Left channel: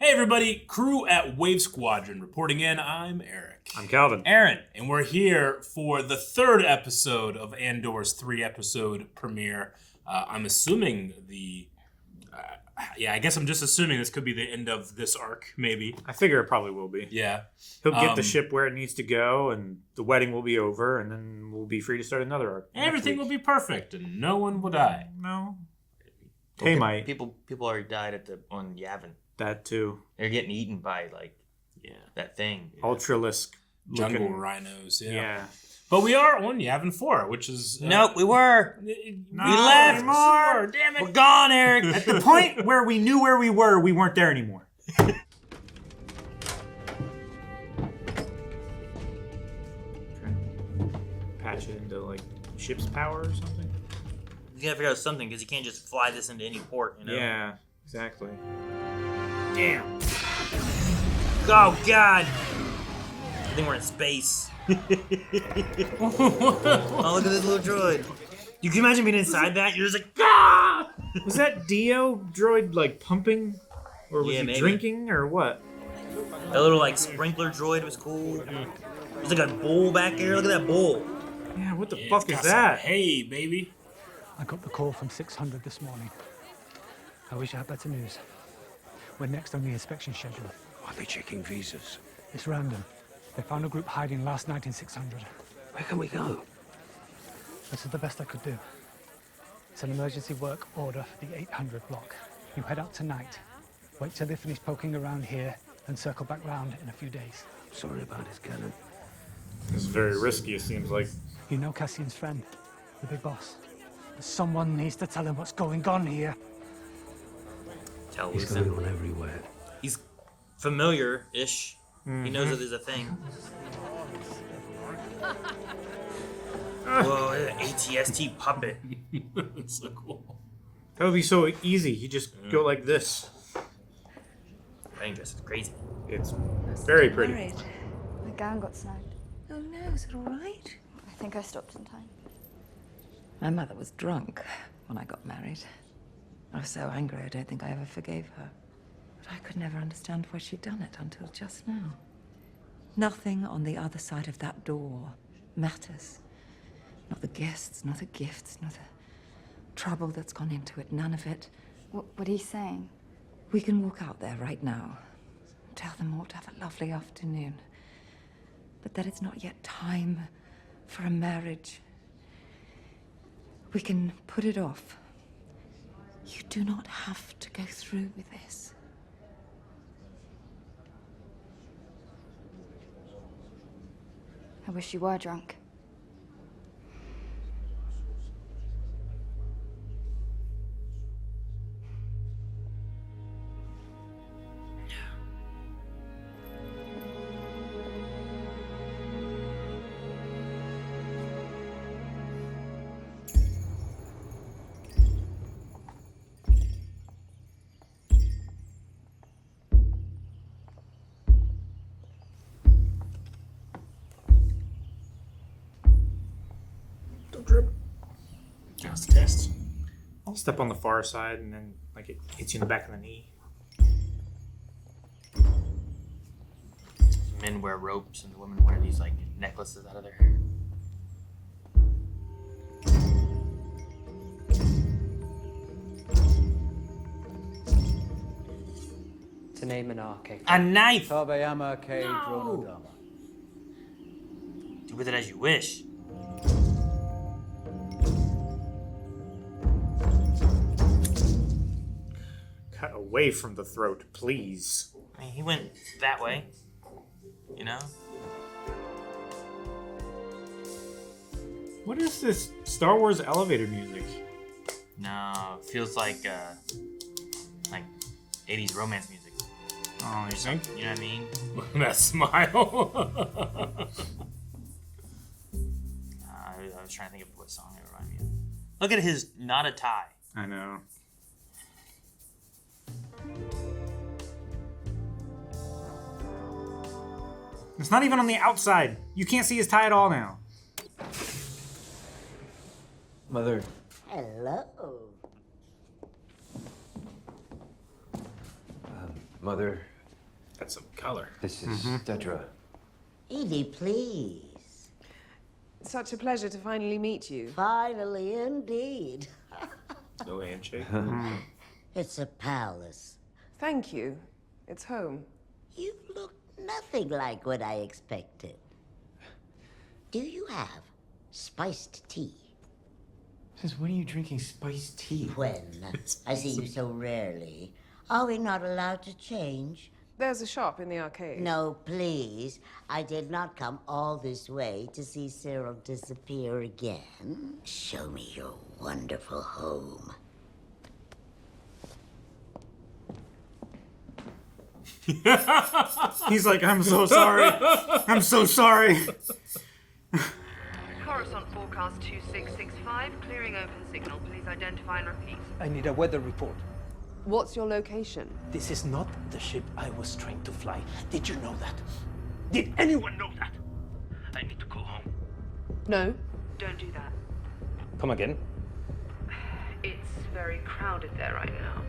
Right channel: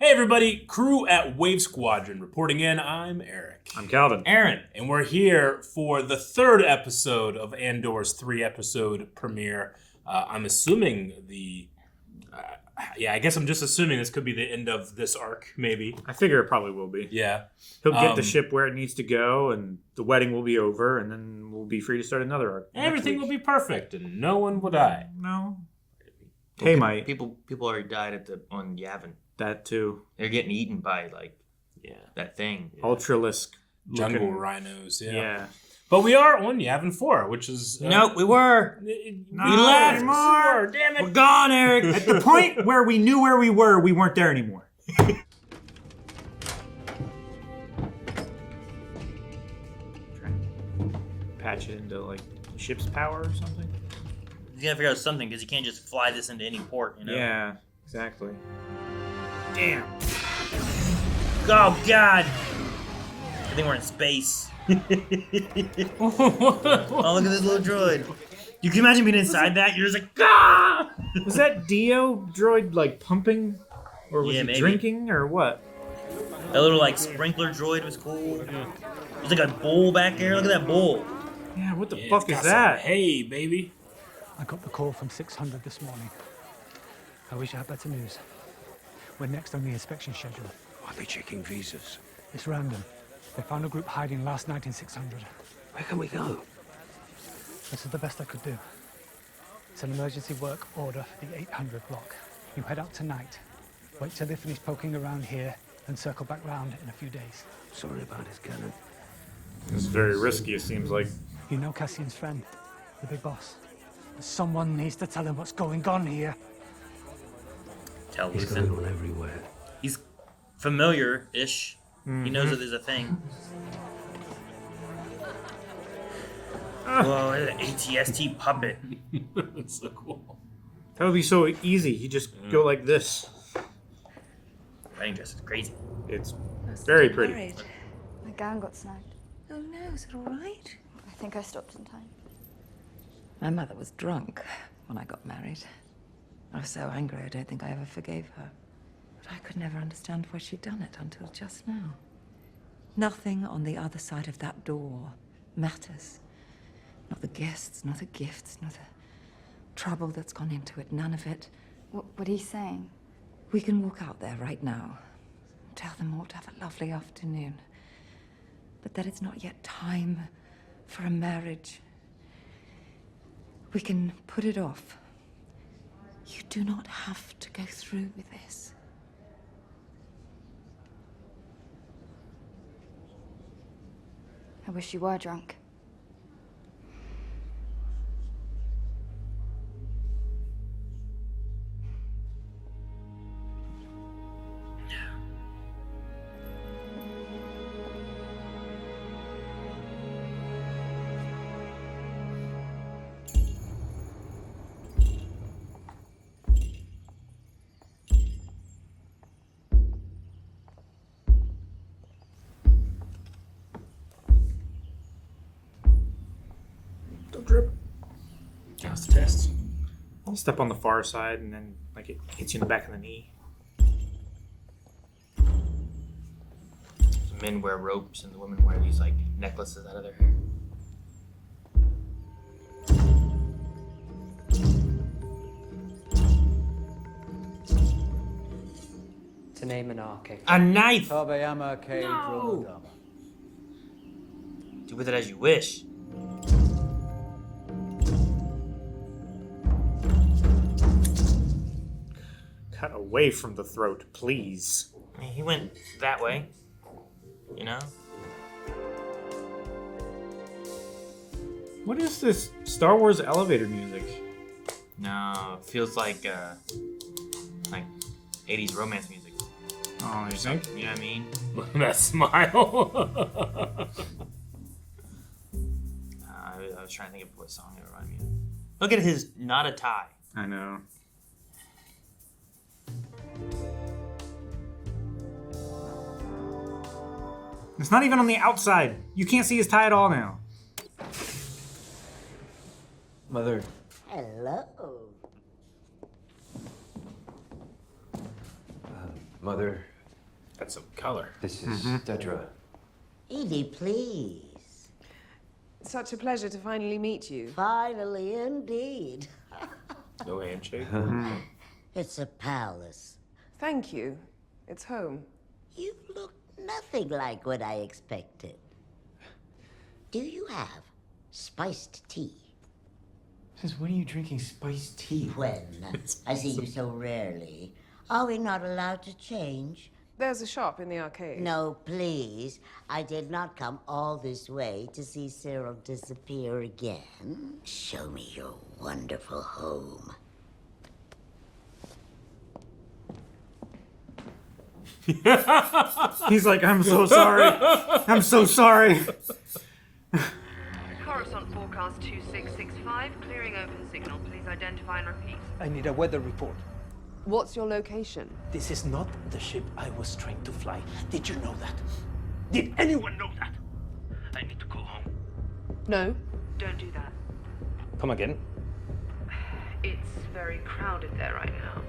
Hey everybody, crew at Wave Squadron reporting in. I'm Eric. I'm Calvin. Aaron. And we're here for the third episode of Andor's 3-episode premiere. I'm assuming I guess I'm just assuming this could be the end of this arc, maybe. I figure it probably will be. Yeah. He'll get the ship where it needs to go, and the wedding will be over, and then we'll be free to start another arc. Everything will be perfect, and no one will die. No. Well, Hey, Mike. People already died on Yavin. That too. They're getting eaten by that thing. Yeah. Ultralisk. Jungle rhinos, yeah. But we are on Yavin 4, which is... No, we were. We left. More. Damn it. We're gone, Eric. At the point where we knew where we were, we weren't there anymore. Patch it into, ship's power or something? He's got to figure out something, because you can't just fly this into any port, you know? Yeah, exactly. Damn. Oh, God. I think we're in space. Oh, look at this little droid. You can imagine being inside that? You're just like, ah! Was that Dio droid, pumping? Or was he maybe. drinking, or what? That little, sprinkler droid was cool. There's like a bowl back there. Look at that bowl. Yeah, what the fuck is that? Hey, baby. I got the call from 600 this morning. I wish I had better news. We're next on the inspection schedule. Are they checking visas? It's random. They found a group hiding last night in 600. Where can we go? This is the best I could do. It's an emergency work order for the 800 block. You head out tonight. Wait till they finish poking around here and circle back round in a few days. Sorry about his cannon. This is very risky, it seems like. You know Cassian's friend, the big boss. Someone needs to tell him what's going on here. He's going on everywhere. He's familiar-ish. Mm-hmm. He knows that there's a thing. Whoa, an ATST puppet. That's so cool. That would be so easy. You just go like this. Wedding dress is crazy. It's very pretty. Worried. My gown got snagged. Oh no, is it all right? I think I stopped in time. My mother was drunk when I got married. I was so angry I don't think I ever forgave her. But I could never understand why she'd done it until just now. Nothing on the other side of that door matters. Not the guests, not the gifts, not the trouble that's gone into it, none of it. What are you saying? We can walk out there right now. Tell them all to have a lovely afternoon. But that it's not yet time for a marriage. We can put it off. You do not have to go through with this. I wish you were drunk. Drip. Just a test. I'll step on the far side and then it hits you in the back of the knee. Men wear ropes and the women wear these necklaces out of their hair. To name an arche. A knife! Tabayama K. Dronodama. Do with it as you wish. Cut away from the throat, please. I mean, he went that way. You know? What is this Star Wars elevator music? No, it feels like 80s romance music. Oh, you think? You know what I mean? That smile. I was trying to think of what song it reminded me of. Look at his not a tie. I know. It's not even on the outside. You can't see his tie at all now. Mother. Hello. Mother, Got some color. this is Dedra. Eedy, please. Such a pleasure to finally meet you. Finally, indeed. No handshake. It's a palace. Thank you. It's home. You look nothing like what I expected. Do you have spiced tea? Since when are you drinking spiced tea? When? I see you so rarely. Are we not allowed to change? There's a shop in the arcade. No, please. I did not come all this way to see Cyril disappear again. Show me your wonderful home. He's like, I'm so sorry. I'm so sorry. Coruscant forecast 2665, clearing open signal. Please identify and repeat. I need a weather report. What's your location? This is not the ship I was trained to fly. Did you know that? Did anyone know that? I need to go home. No. Don't do that. Come again? It's very crowded there right now.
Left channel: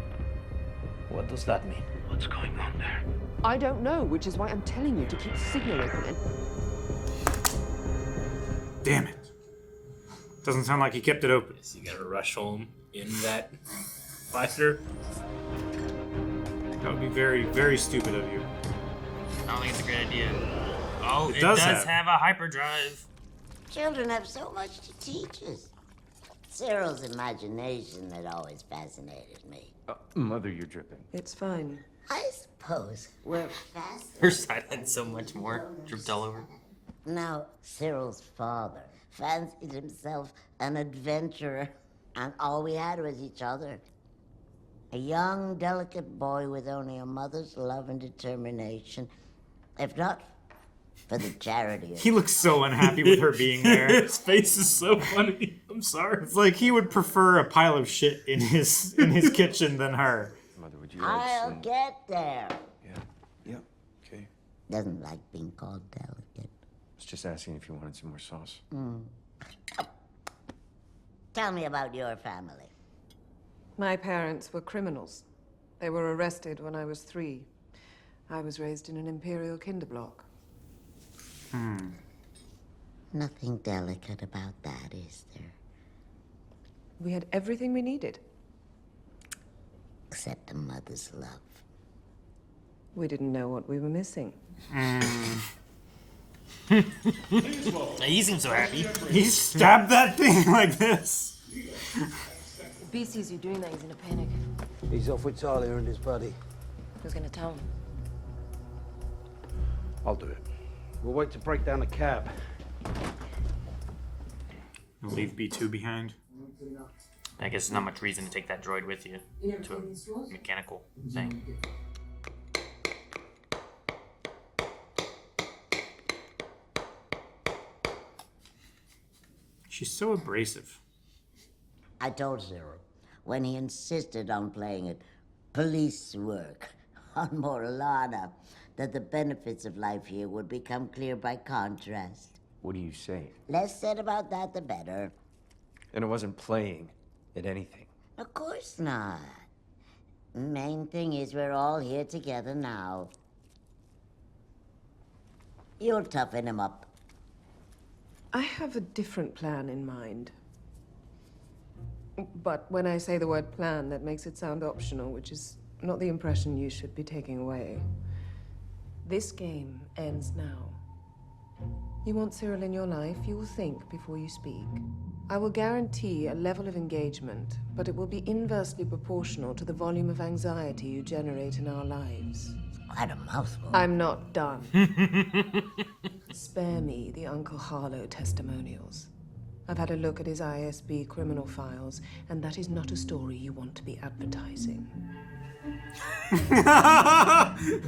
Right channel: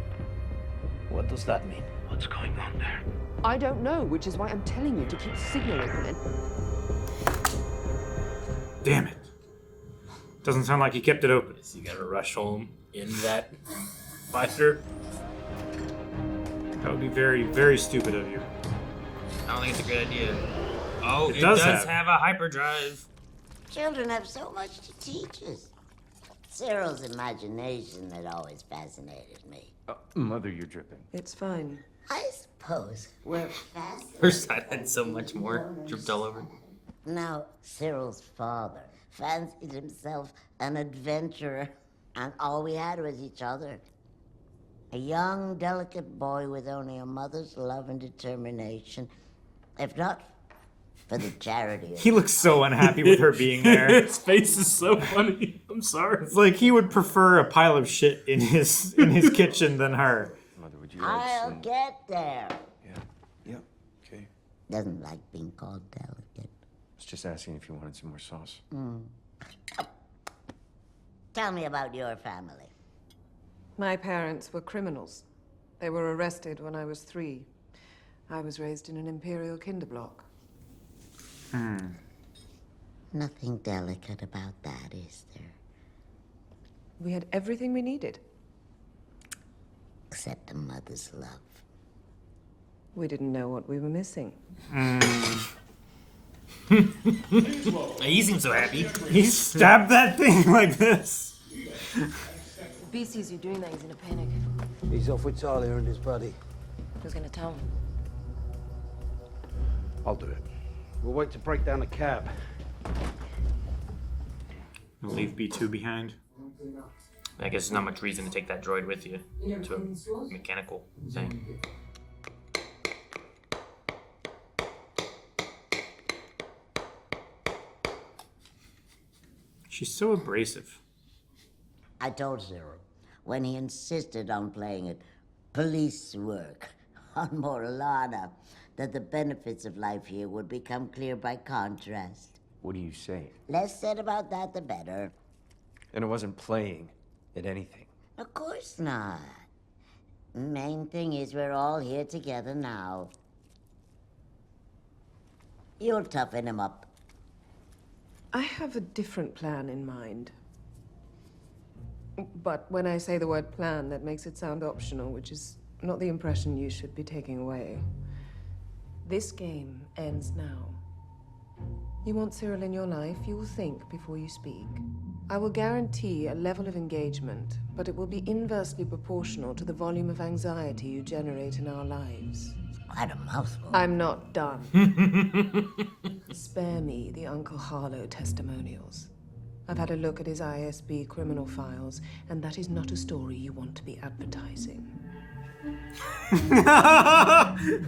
What does that mean? What's going on there? I don't know, which is why I'm telling you to keep the signal open. Damn it. Doesn't sound like he kept it open. So you gotta rush home in that fighter. That would be very, very stupid of you. I don't think it's a good idea. Oh, It it does does have. have a hyperdrive. Children have so much to teach us. Cyril's imagination had always fascinated me. Mother, you're dripping. It's fine. I suppose we're fascinated. Her silence so much more. Dripped all over. Now, Cyril's father fancied himself an adventurer, and all we had was each other. A young, delicate boy with only a mother's love and determination. If not for the charity of... He looks so unhappy with her being there. His face is so funny. I'm sorry. It's like he would prefer a pile of shit in his kitchen than her. Mother, would you like I'll some... get there. Yeah, okay. Doesn't like being called delicate. I was just asking if you wanted some more sauce. Tell me about your family. My parents were criminals. They were arrested when I was 3. I was raised in an imperial kinderblock. Nothing delicate about that, is there? We had everything we needed. Except a mother's love. We didn't know what we were missing. He seems so happy. He stabbed that thing like this. B sees you doing that, he's in a panic. He's off with Talia and his buddy. Who's gonna tell him? I'll do it. We'll wait to break down the cab. Leave B2 behind. I guess there's not much reason to take that droid with you to a mechanical thing. She's so abrasive. I told Cyril when he insisted on playing it police work on Morlana that the benefits of life here would become clear by contrast. What do you say? Less said about that, the better. And it wasn't playing at anything. Of course not. Main thing is we're all here together now. You'll toughen him up. I have a different plan in mind. But when I say the word plan, that makes it sound optional, which is not the impression you should be taking away. This game ends now. You want Cyril in your life, you will think before you speak. I will guarantee a level of engagement, but it will be inversely proportional to the volume of anxiety you generate in our lives. Quite a mouthful. I'm not done. Spare me the Uncle Harlow testimonials. I've had a look at his ISB criminal files, and that is not a story you want to be advertising.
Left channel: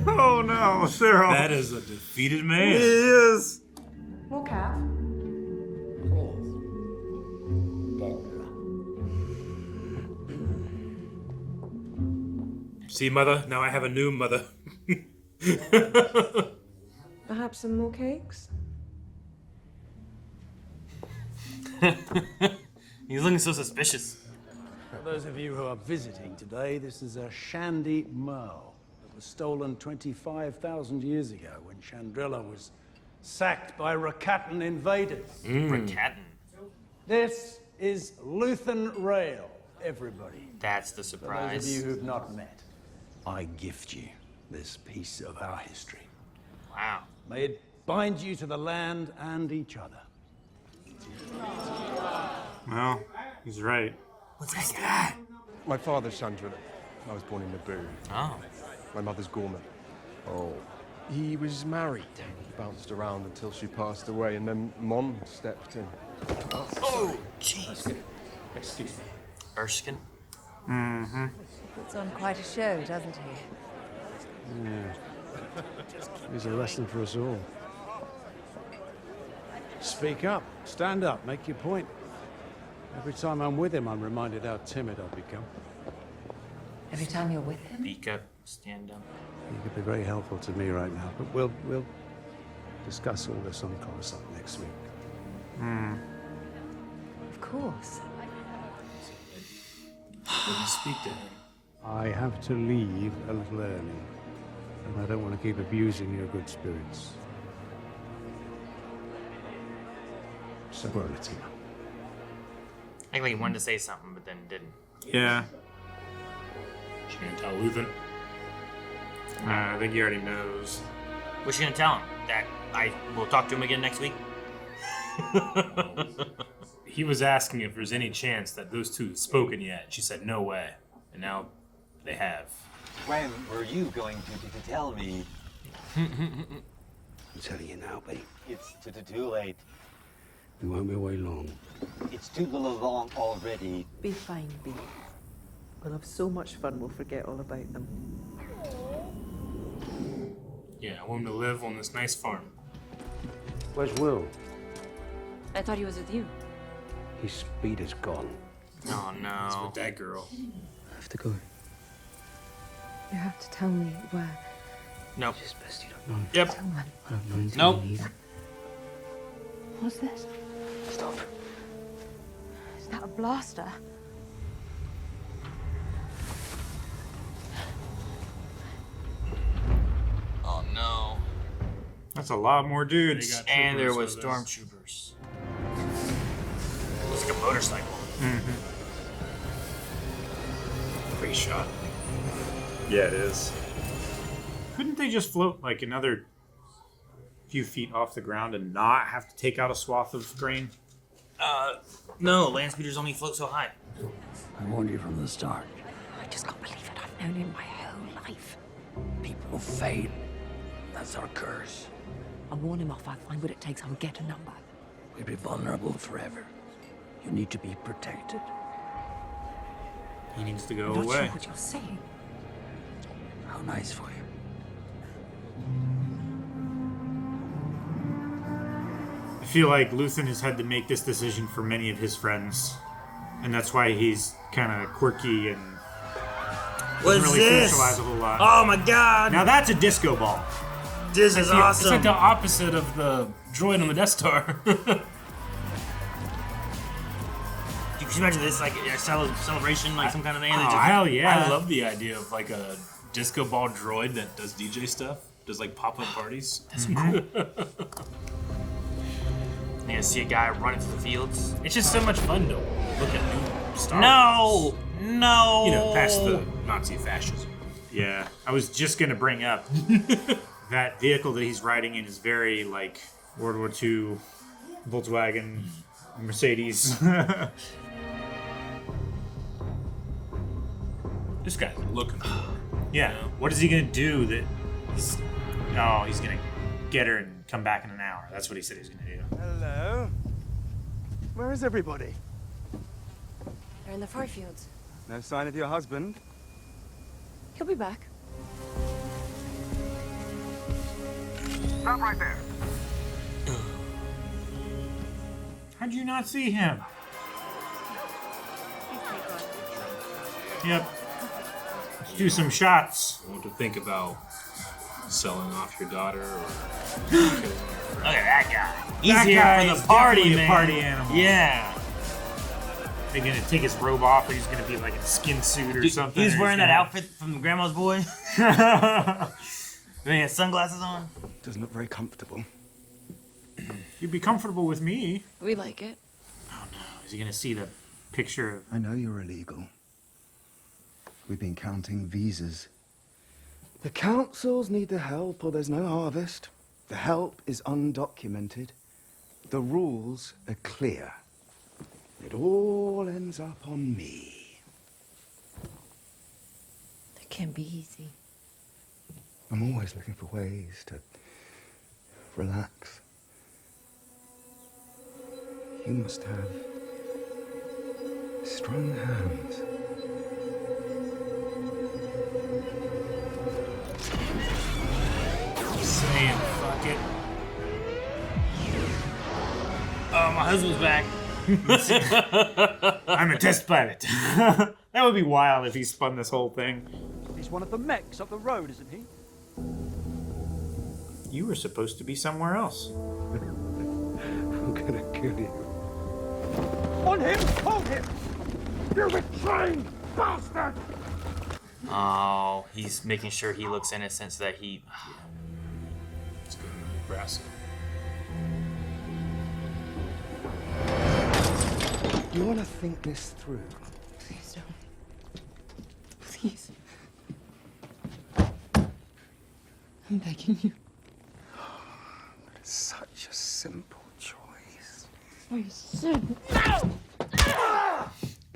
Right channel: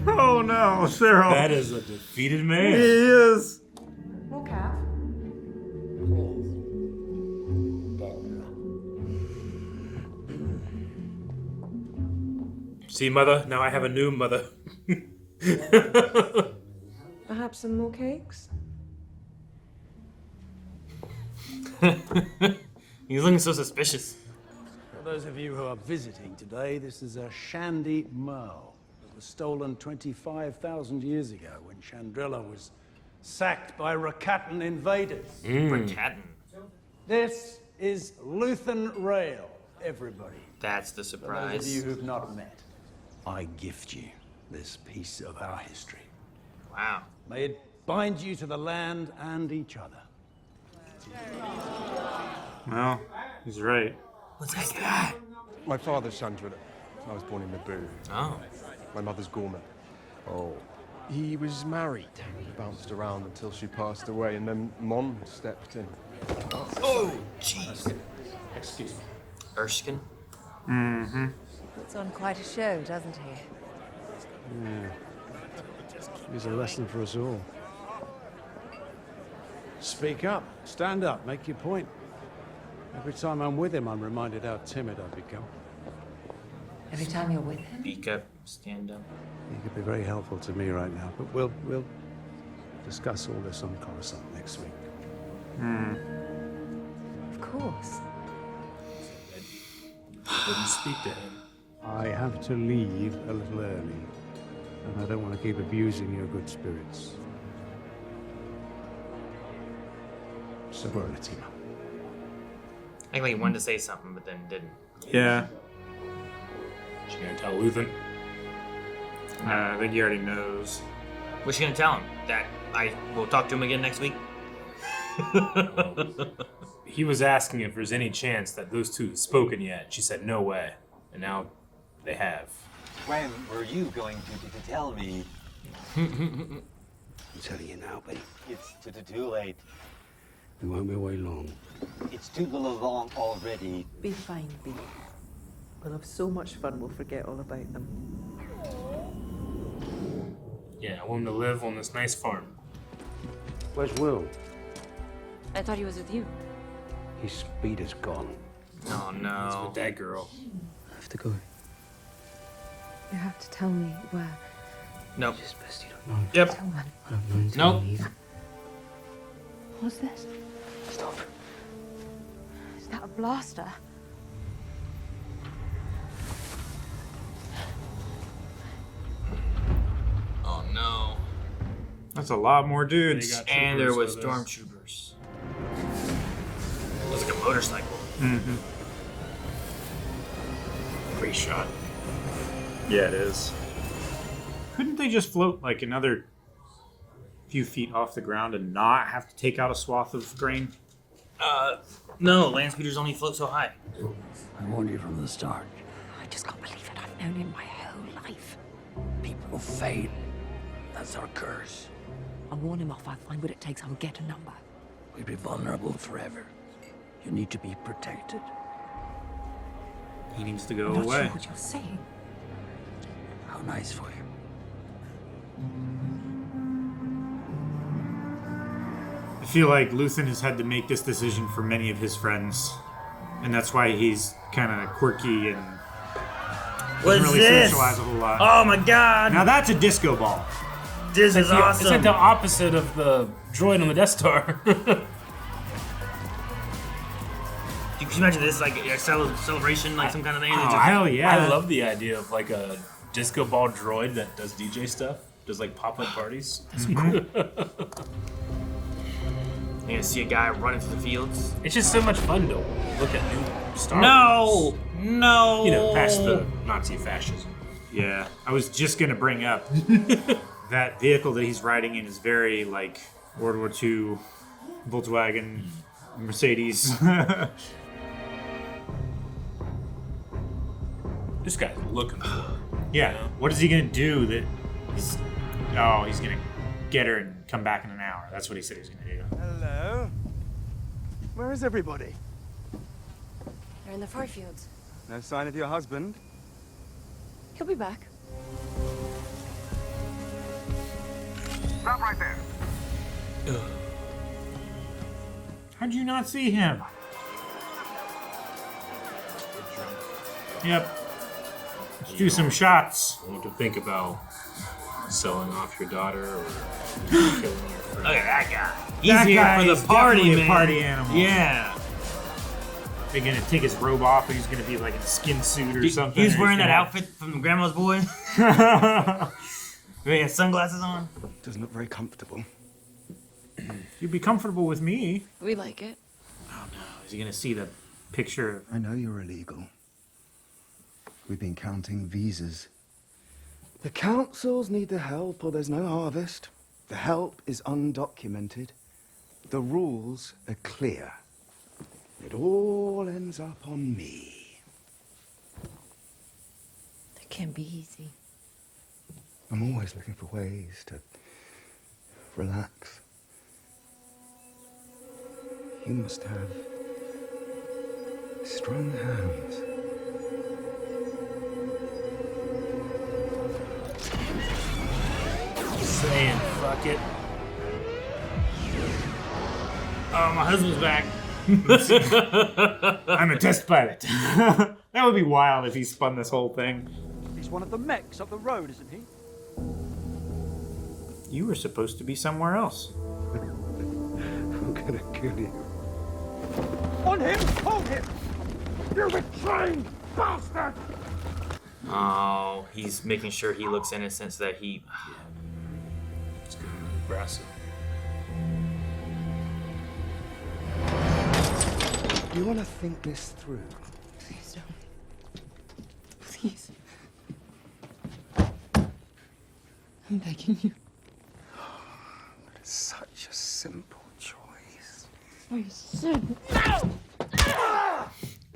Oh no, Cyril. That is a defeated He man. is. More cap? Please. Dedra. See, mother? Now I have a new mother. Perhaps some more cakes? He's looking so suspicious. For those of you who are visiting today, this is a Shandy Merle. was stolen 25,000 years ago when Chandrila was sacked by Rakatan invaders. Rakatan. This is Luthen Rail, everybody. That's the For surprise. those of you who've not met, I gift you this piece of our history. Wow. May it bind you to the land and each other. Well, he's right. What's that guy? My father's Chandrila. I was born in Naboo. Oh. My mother's Gorman. Oh. He was married. He bounced around until she passed away, and then Mon stepped in. Oh, jeez. Excuse me. Erskine? Mm-hmm. Puts on quite a show, doesn't he? Yeah. Here's a lesson for us all. Speak up. Stand up. Make your point. Every time I'm with him, I'm reminded how timid I've become. Every time you're with him? Speak up, stand up. He could be very helpful to me right now, but we'll discuss all this on Coruscant next week. Of course. Wouldn't speak to him. I have to leave a little early, and I don't want to keep abusing your good spirits. So we're on a team up. I think he wanted to say something, but then didn't. Yeah. She's gonna tell Luthen. I think he already knows. What's she gonna tell him? That I will talk to him again next week? He was asking if there's any chance that those two had spoken yet. She said no way, and now they have. When were you going to tell me? I'm telling you now, buddy. It's too late. We won't be away long. It's too long already. Be fine, Bee. We'll have so much fun we'll forget all about them. Yeah, I want him to live on this nice farm. Where's Will? I thought he was with you. His speed is gone. Oh no. He's with that girl. I have to go. You have to tell me where. Nope. It's best you don't know. Yep. Tell me. I don't know until Nope. you leave. What's this? Stop. Is that a blaster? Oh no. That's a lot more dudes. And there was stormtroopers. It's like a motorcycle. Mm-hmm. Great shot. Yeah, it is. Couldn't they just float like another few feet off the ground and not have to take out a swath of grain? No, land speeders only float so high. I warned you from the start. I just can't believe it. I've known him my whole life. People fail. That's our curse. I'll warn him off. I'll find what it takes. I'll get a number. We'll be vulnerable forever. You need to be protected. He needs to go I'm not away. sure what you're saying. How nice for you. I feel like Luthen has had to make this decision for many of his friends, and that's why he's kind of quirky and doesn't really socialize a whole lot. Oh my god! Now that's a disco ball. This is awesome. It's like the opposite of the droid on the Death Star. You can imagine this like a celebration, like some kind of thing. Hell yeah. I love the idea of like a disco ball droid that does DJ stuff, does like pop-up parties. That's cool. You can see a guy running through the fields. It's just so much fun to look at Star No! Wars. No! You know, past the Nazi fascism. Yeah, I was just gonna bring up that vehicle that he's riding in is very like World War II Volkswagen Mercedes. This guy's looking for it. Yeah. What is he gonna do that? He's gonna get her and come back in an hour. That's what he said he was gonna do. Hello. Where is everybody? They're in the far fields. No sign of your husband? He'll be back. Stop right there. How'd you not see him? Yep. Let's do some shots. What to think about selling off your daughter or Look at that guy. He's That here guy for is the party, definitely a man. party animal. Yeah. They're gonna take his robe off and he's gonna be like in a skin suit or something. He's or wearing that gonna- outfit from Grandma's Boy. He has sunglasses on. Doesn't look very comfortable. You'd be comfortable with me. We like it. Is he gonna see the picture? I know you're illegal. We've been counting visas. The councils need the help or there's no harvest. The help is undocumented. The rules are clear. It all ends up on me. That can't be easy. I'm always looking for ways to relax. You must have strong hands. Saying fuck it. Oh, my husband's back. I'm a test pilot. That would be wild if he spun this whole thing. He's one of the mechs up the road, isn't he? You were supposed to be somewhere else. I'm gonna kill you. On him! Hold him! You betraying bastard! Oh, he's making sure he looks innocent so that he... It's gonna be aggressive. You want to think this through? Please don't. Please. I'm begging you. It's such a simple choice. I said No!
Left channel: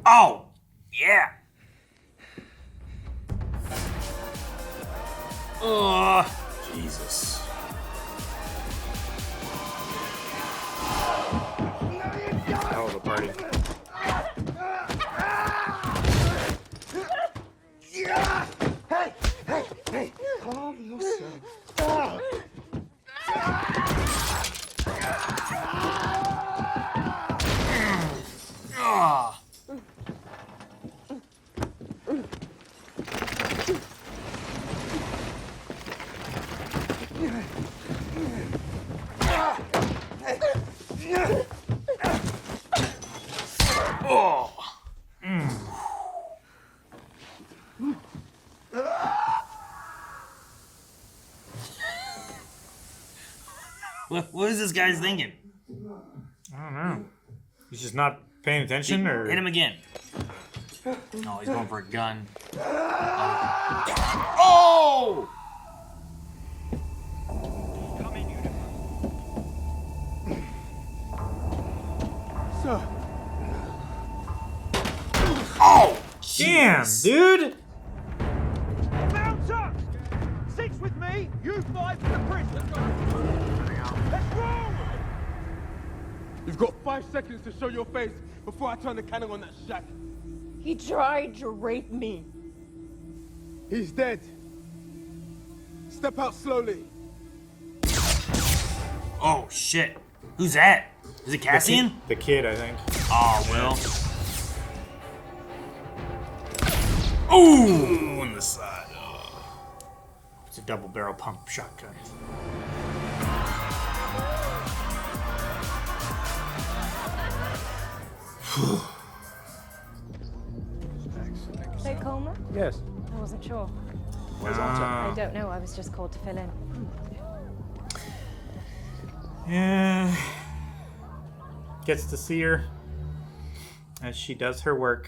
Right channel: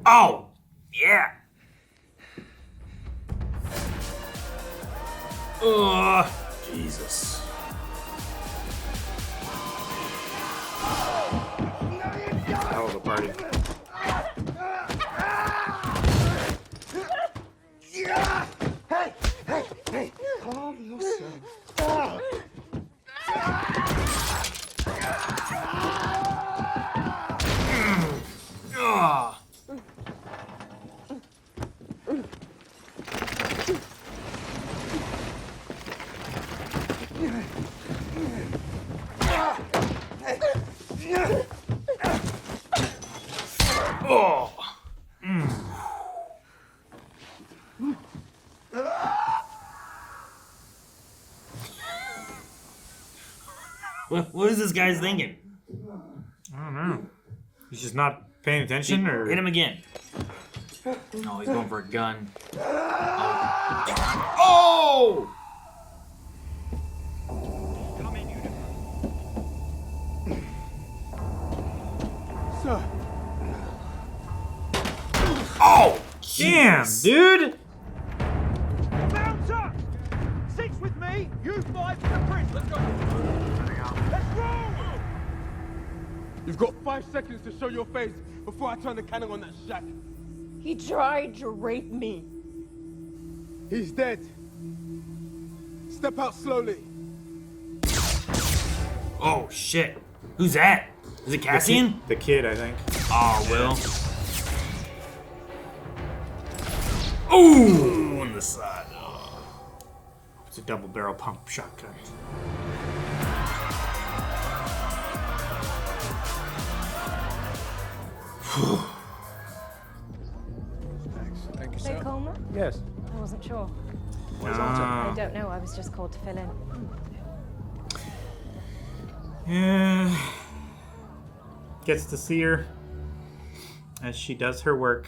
Oh! Yeah! Oh, Jesus. Oh, the party. Hey! Hey! Hey! Calm yourself. Oh. What is this guy's thinking? I don't know. He's just not paying attention, or Hit him again. No, he's going for a gun. Oh! Sir. Oh! Damn, dude! Mount up! 6 with me, you 5 for the bridge. Let's go. Let's roll! You've got 5 seconds to show your face before I turn the cannon on that shack. He tried to rape me. He's dead. Step out slowly. Oh, shit. Who's that? Is it Cassian? The kid, I think. Oh, Will. Ooh, on the side. Oh. It's a double barrel pump shotgun. So Coleman? Yes. I wasn't sure. Where's Alta? I don't know. I was just called to fill in. Yeah. Gets to see her as she does her work.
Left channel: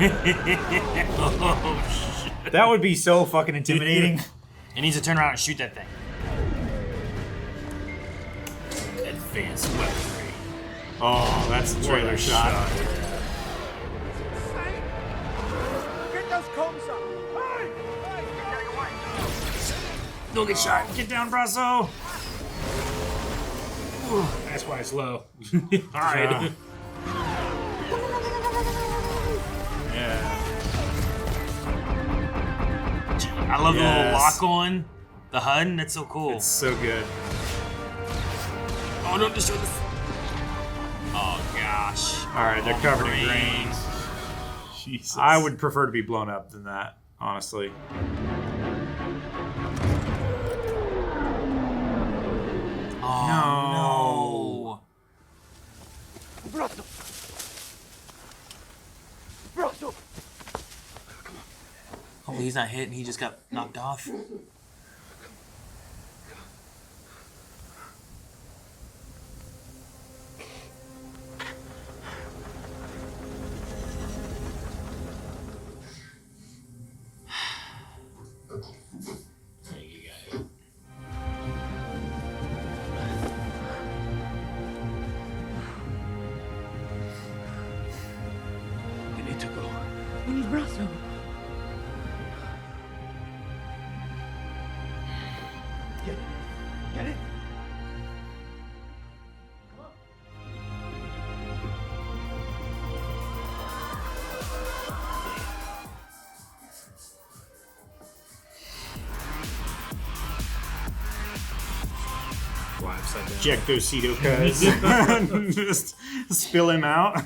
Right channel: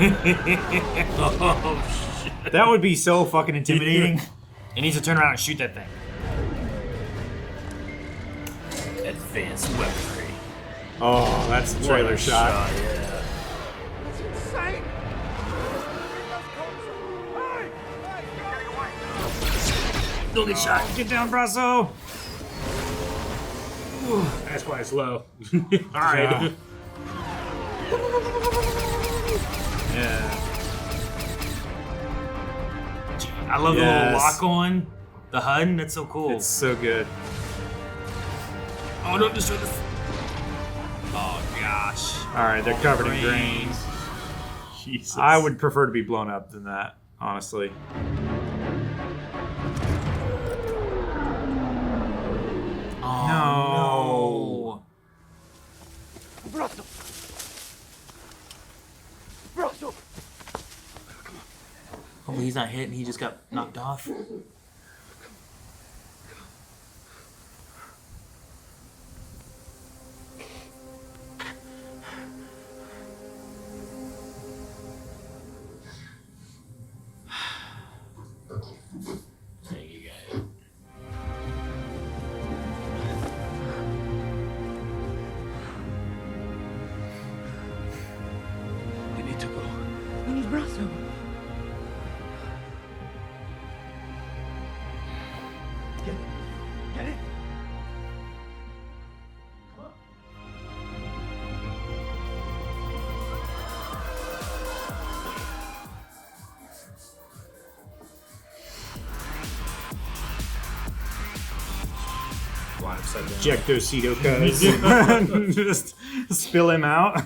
Oh, shit. That would be so fucking intimidating. It needs to turn around and shoot that thing. Advanced weaponry. Oh, that's the trailer shot. Insane! Get those comms up! Hey! Hey! You're getting away! Don't get shot. Get down, Brasso! That's why it's low. Alright. Yeah. I love the little Yes. lock on the HUD. That's so cool. It's so good. Oh, no, destroy this. Oh, gosh. Alright, they're covered in Great. grains. Jesus. I would prefer to be blown up than that, honestly. Oh, no. not hit and he just got knocked off. We need to go. We need Brasso. Get it. Get it. Jectocito guys. Just spill him out.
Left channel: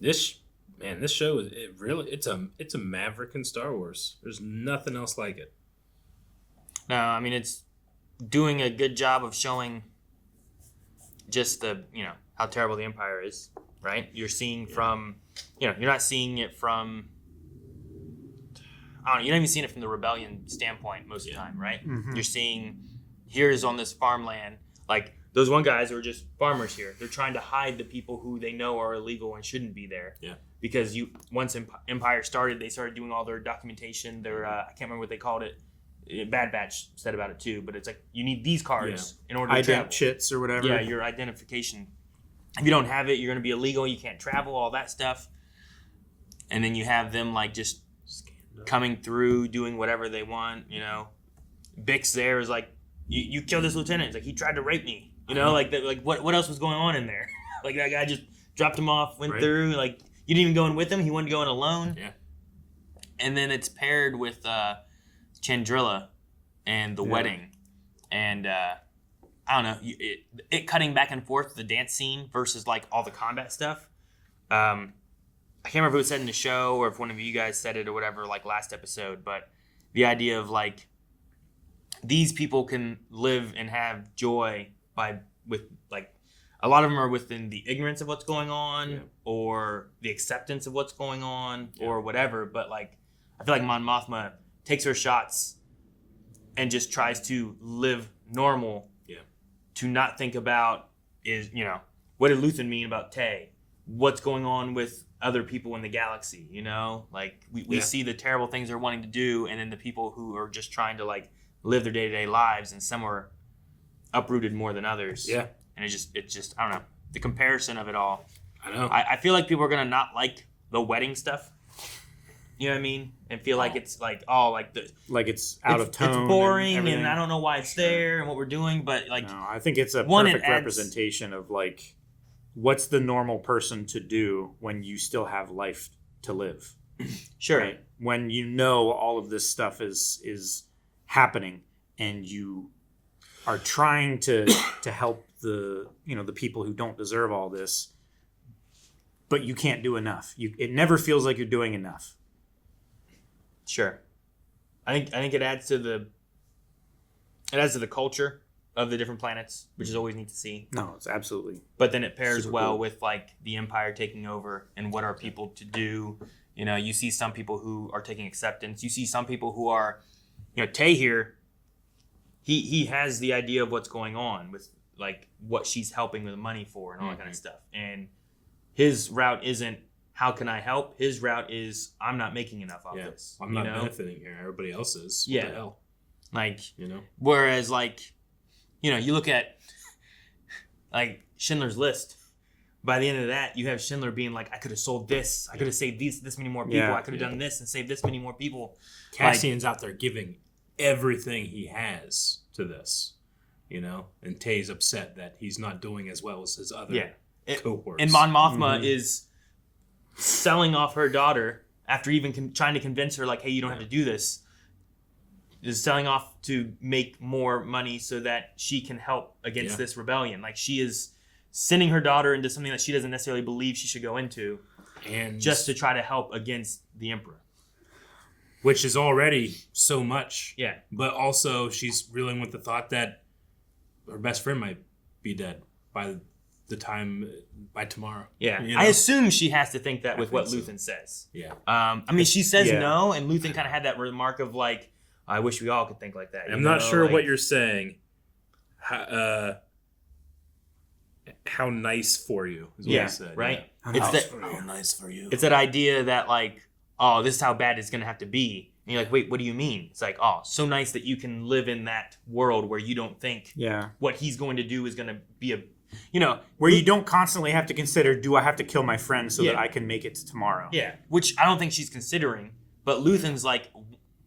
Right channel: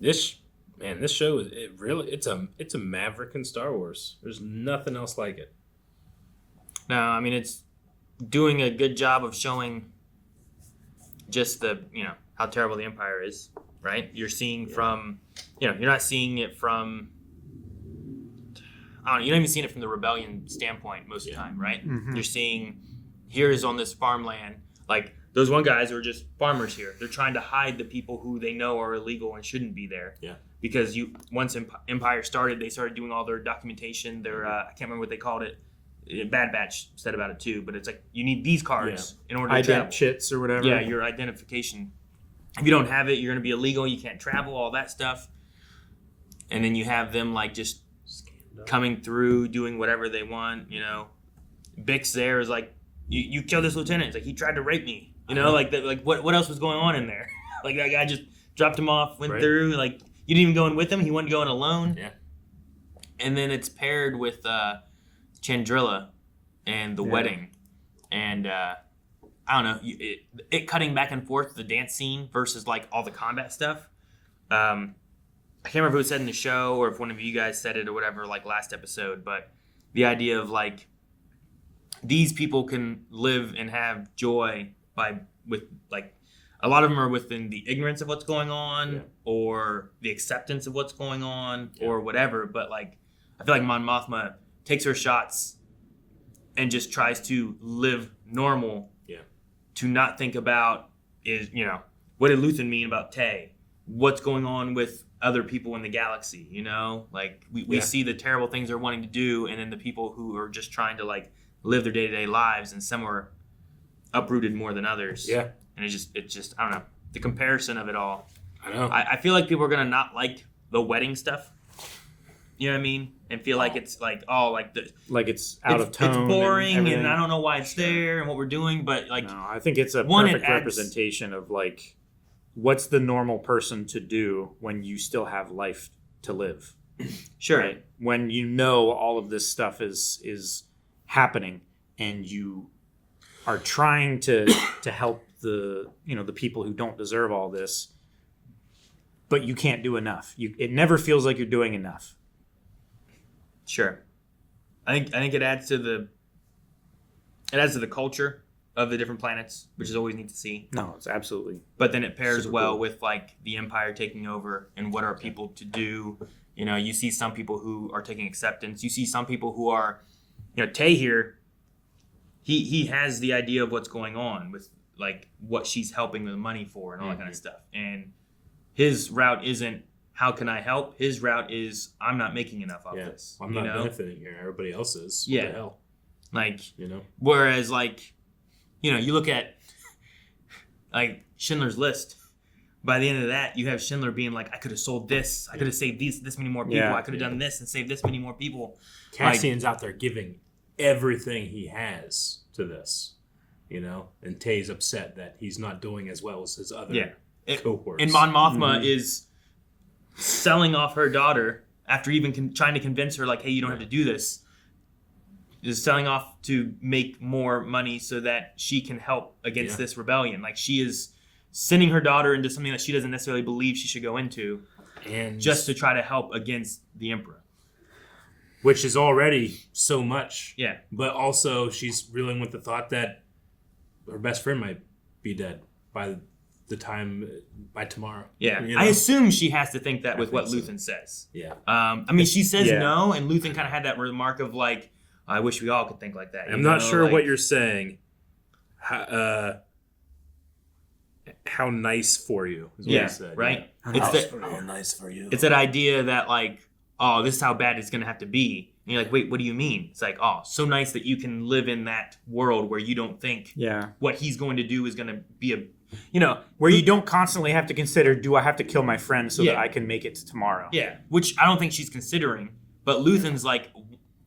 This show is it's a Maverick in Star Wars. There's nothing else like it. No, I mean it's doing a good job of showing just the how terrible the Empire is, right? You're seeing from you're not seeing it from you're not even seeing it from the rebellion standpoint most of the time, right? Mhm. You're seeing here's on this farmland, like those one guys are just farmers here. They're trying to hide the people who they know are illegal and shouldn't be there. Yeah. Because once Empire started, they started doing all their documentation. Their I can't remember what they called it. Bad Batch said about it too, but it's like you need these cards in order to travel. Chits or whatever. Yeah, your identification. If you don't have it, you're going to be illegal. You can't travel. All that stuff. And then you have them like just coming through, doing whatever they want. Bix there is like, you killed this lieutenant. It's like he tried to rape me. Like what else was going on in there? Like that guy just dropped him off, went through. Like you didn't even go in with him. He wanted to go in alone. Yeah. And then it's paired with Chandrilla and the wedding, and I don't know, it cutting back and forth the dance scene versus like all the combat stuff. I can't remember if it was said in the show or if one of you guys said it or whatever, like last episode, but the idea of like these people can live and have joy with like a lot of them are within the ignorance of what's going on or the acceptance of what's going on or whatever, but like I feel like Mon Mothma takes her shots and just tries to live normal. Yeah. To not think about what did Luthen mean about Tay? What's going on with other people in the galaxy? Like we see the terrible things they're wanting to do, and then the people who are just trying to like live their day-to-day lives, and some are uprooted more than others. Yeah. And it's just I don't know, the comparison of it all. I know. I feel like people are gonna not like the wedding stuff. You know what I mean? And feel like it's like it's out of tone. It's boring, and I don't know why it's there and what we're doing. But like, no, I think it's a perfect representation of like what's the normal person to do when you still have life to live. Sure. Right? When you know all of this stuff is happening, and you are trying to help the the people who don't deserve all this, but you can't do enough. It never feels like you're doing enough. Sure, I think it adds to the culture of the different planets, which is always neat to see. No, it's absolutely. But then it pairs super well cool. with like the Empire taking over and what are people to do. You see some people who are taking acceptance. You see some people who are, Tay here. He has the idea of what's going on with like what she's helping with the money for and all that kind of stuff. And his route isn't, how can I help? His route is, I'm not making enough of this. I'm not benefiting here. Everybody else is. What the hell? Like, whereas like, you look at like Schindler's List. By the end of that, you have Schindler being like, I could have sold this. I could have saved this many more people. I could have done this and saved this many more people. Cassian's out there giving everything he has to this, and Tay's upset that he's not doing as well as his other cohorts. And Mon Mothma is selling off her daughter after even trying to convince her, like, hey, you don't have to do this, is selling off to make more money so that she can help against this rebellion. Like, she is sending her daughter into something that she doesn't necessarily believe she should go into, and just to try to help against the Emperor. Which is already so much. Yeah. But also she's reeling with the thought that her best friend might be dead by tomorrow. Yeah, you know? I assume she has to think that with what so. Luthen says. Yeah. I mean, she says no, and Luthen kind of had that remark of like, I wish we all could think like that. I'm not sure what you're saying. How nice for you is what he said. Right? Yeah. How nice for you. It's that idea that like, oh, this is how bad it's going to have to be. And you're like, wait, what do you mean? It's like, oh, so nice that you can live in that world where you don't think what he's going to do is going to be where you don't constantly have to consider, do I have to kill my friend so that I can make it to tomorrow? Yeah, which I don't think she's considering. But Luthen's like,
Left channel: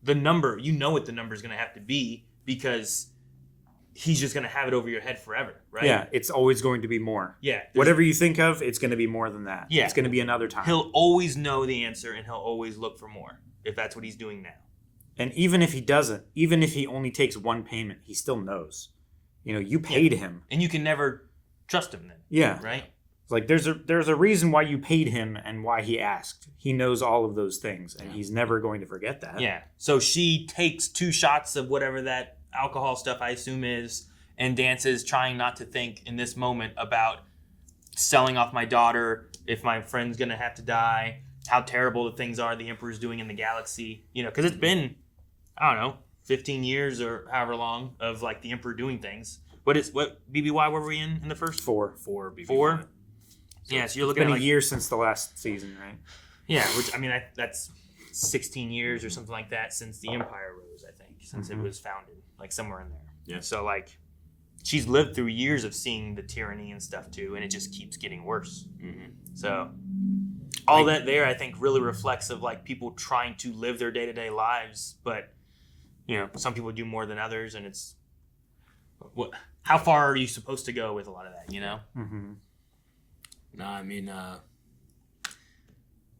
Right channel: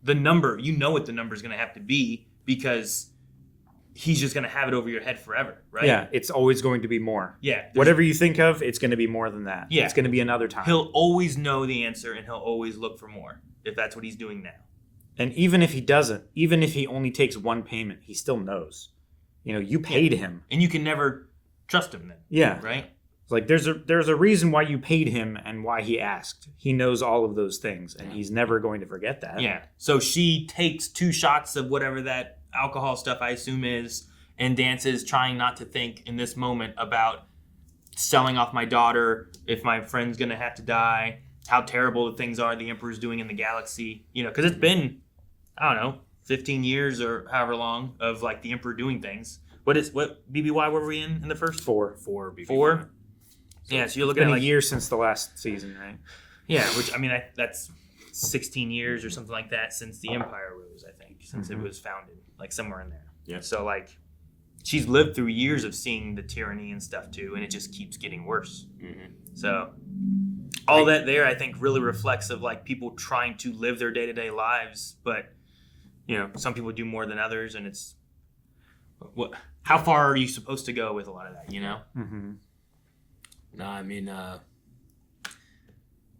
the number, you know what the number is going to have to be because he's just going to have it over your head forever, right? Yeah, it's always going to be more. Yeah. Whatever you think of, it's going to be more than that. Yeah. It's going to be another time. He'll always know the answer and he'll always look for more if that's what he's doing now. And even if he doesn't, even if he only takes one payment, he still knows. You paid him. And you can never trust him then. Yeah. Right? It's like there's a reason why you paid him and why he asked. He knows all of those things and he's never going to forget that. Yeah. So she takes 2 shots of whatever that alcohol stuff I assume is and dances trying not to think in this moment about selling off my daughter, if my friend's going to have to die, how terrible the things are the Emperor's doing in the galaxy. Because it's been, I don't know, 15 years or however long of like the Emperor doing things. What BBY were we in the first? 4 BBY. 4? So yeah, so you're looking it's been at like a year since the last season, right? Yeah, which I mean that's 16 years or something like that since the Empire rose, I think, since it was founded, like somewhere in there. Yeah. So like she's lived through years of seeing the tyranny and stuff too, and it just keeps getting worse. Mm-hmm. So all that there, I think, really reflects of like people trying to live their day-to-day lives, but some people do more than others, and it's how far are you supposed to go with a lot of that, Mm-hmm. No, I mean,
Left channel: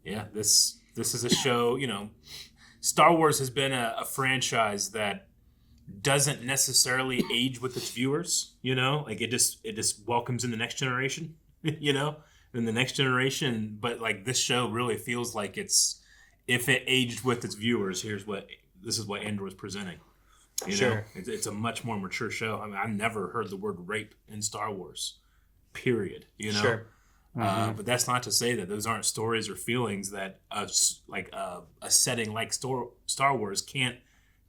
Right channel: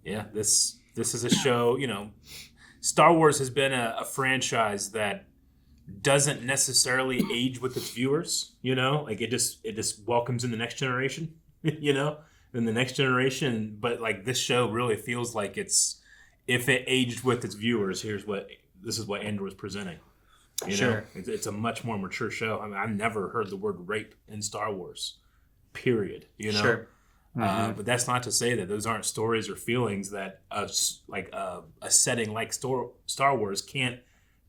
this is a show. Star Wars has been a franchise that doesn't necessarily age with its viewers. Like it just welcomes in the next generation. In the next generation, but like this show really feels like if it aged with its viewers, this is what Andor was presenting. Sure. It's a much more mature show. I mean, I've never heard the word rape in Star Wars, period. Sure. But that's not to say that those aren't stories or feelings that a setting like Star Wars can't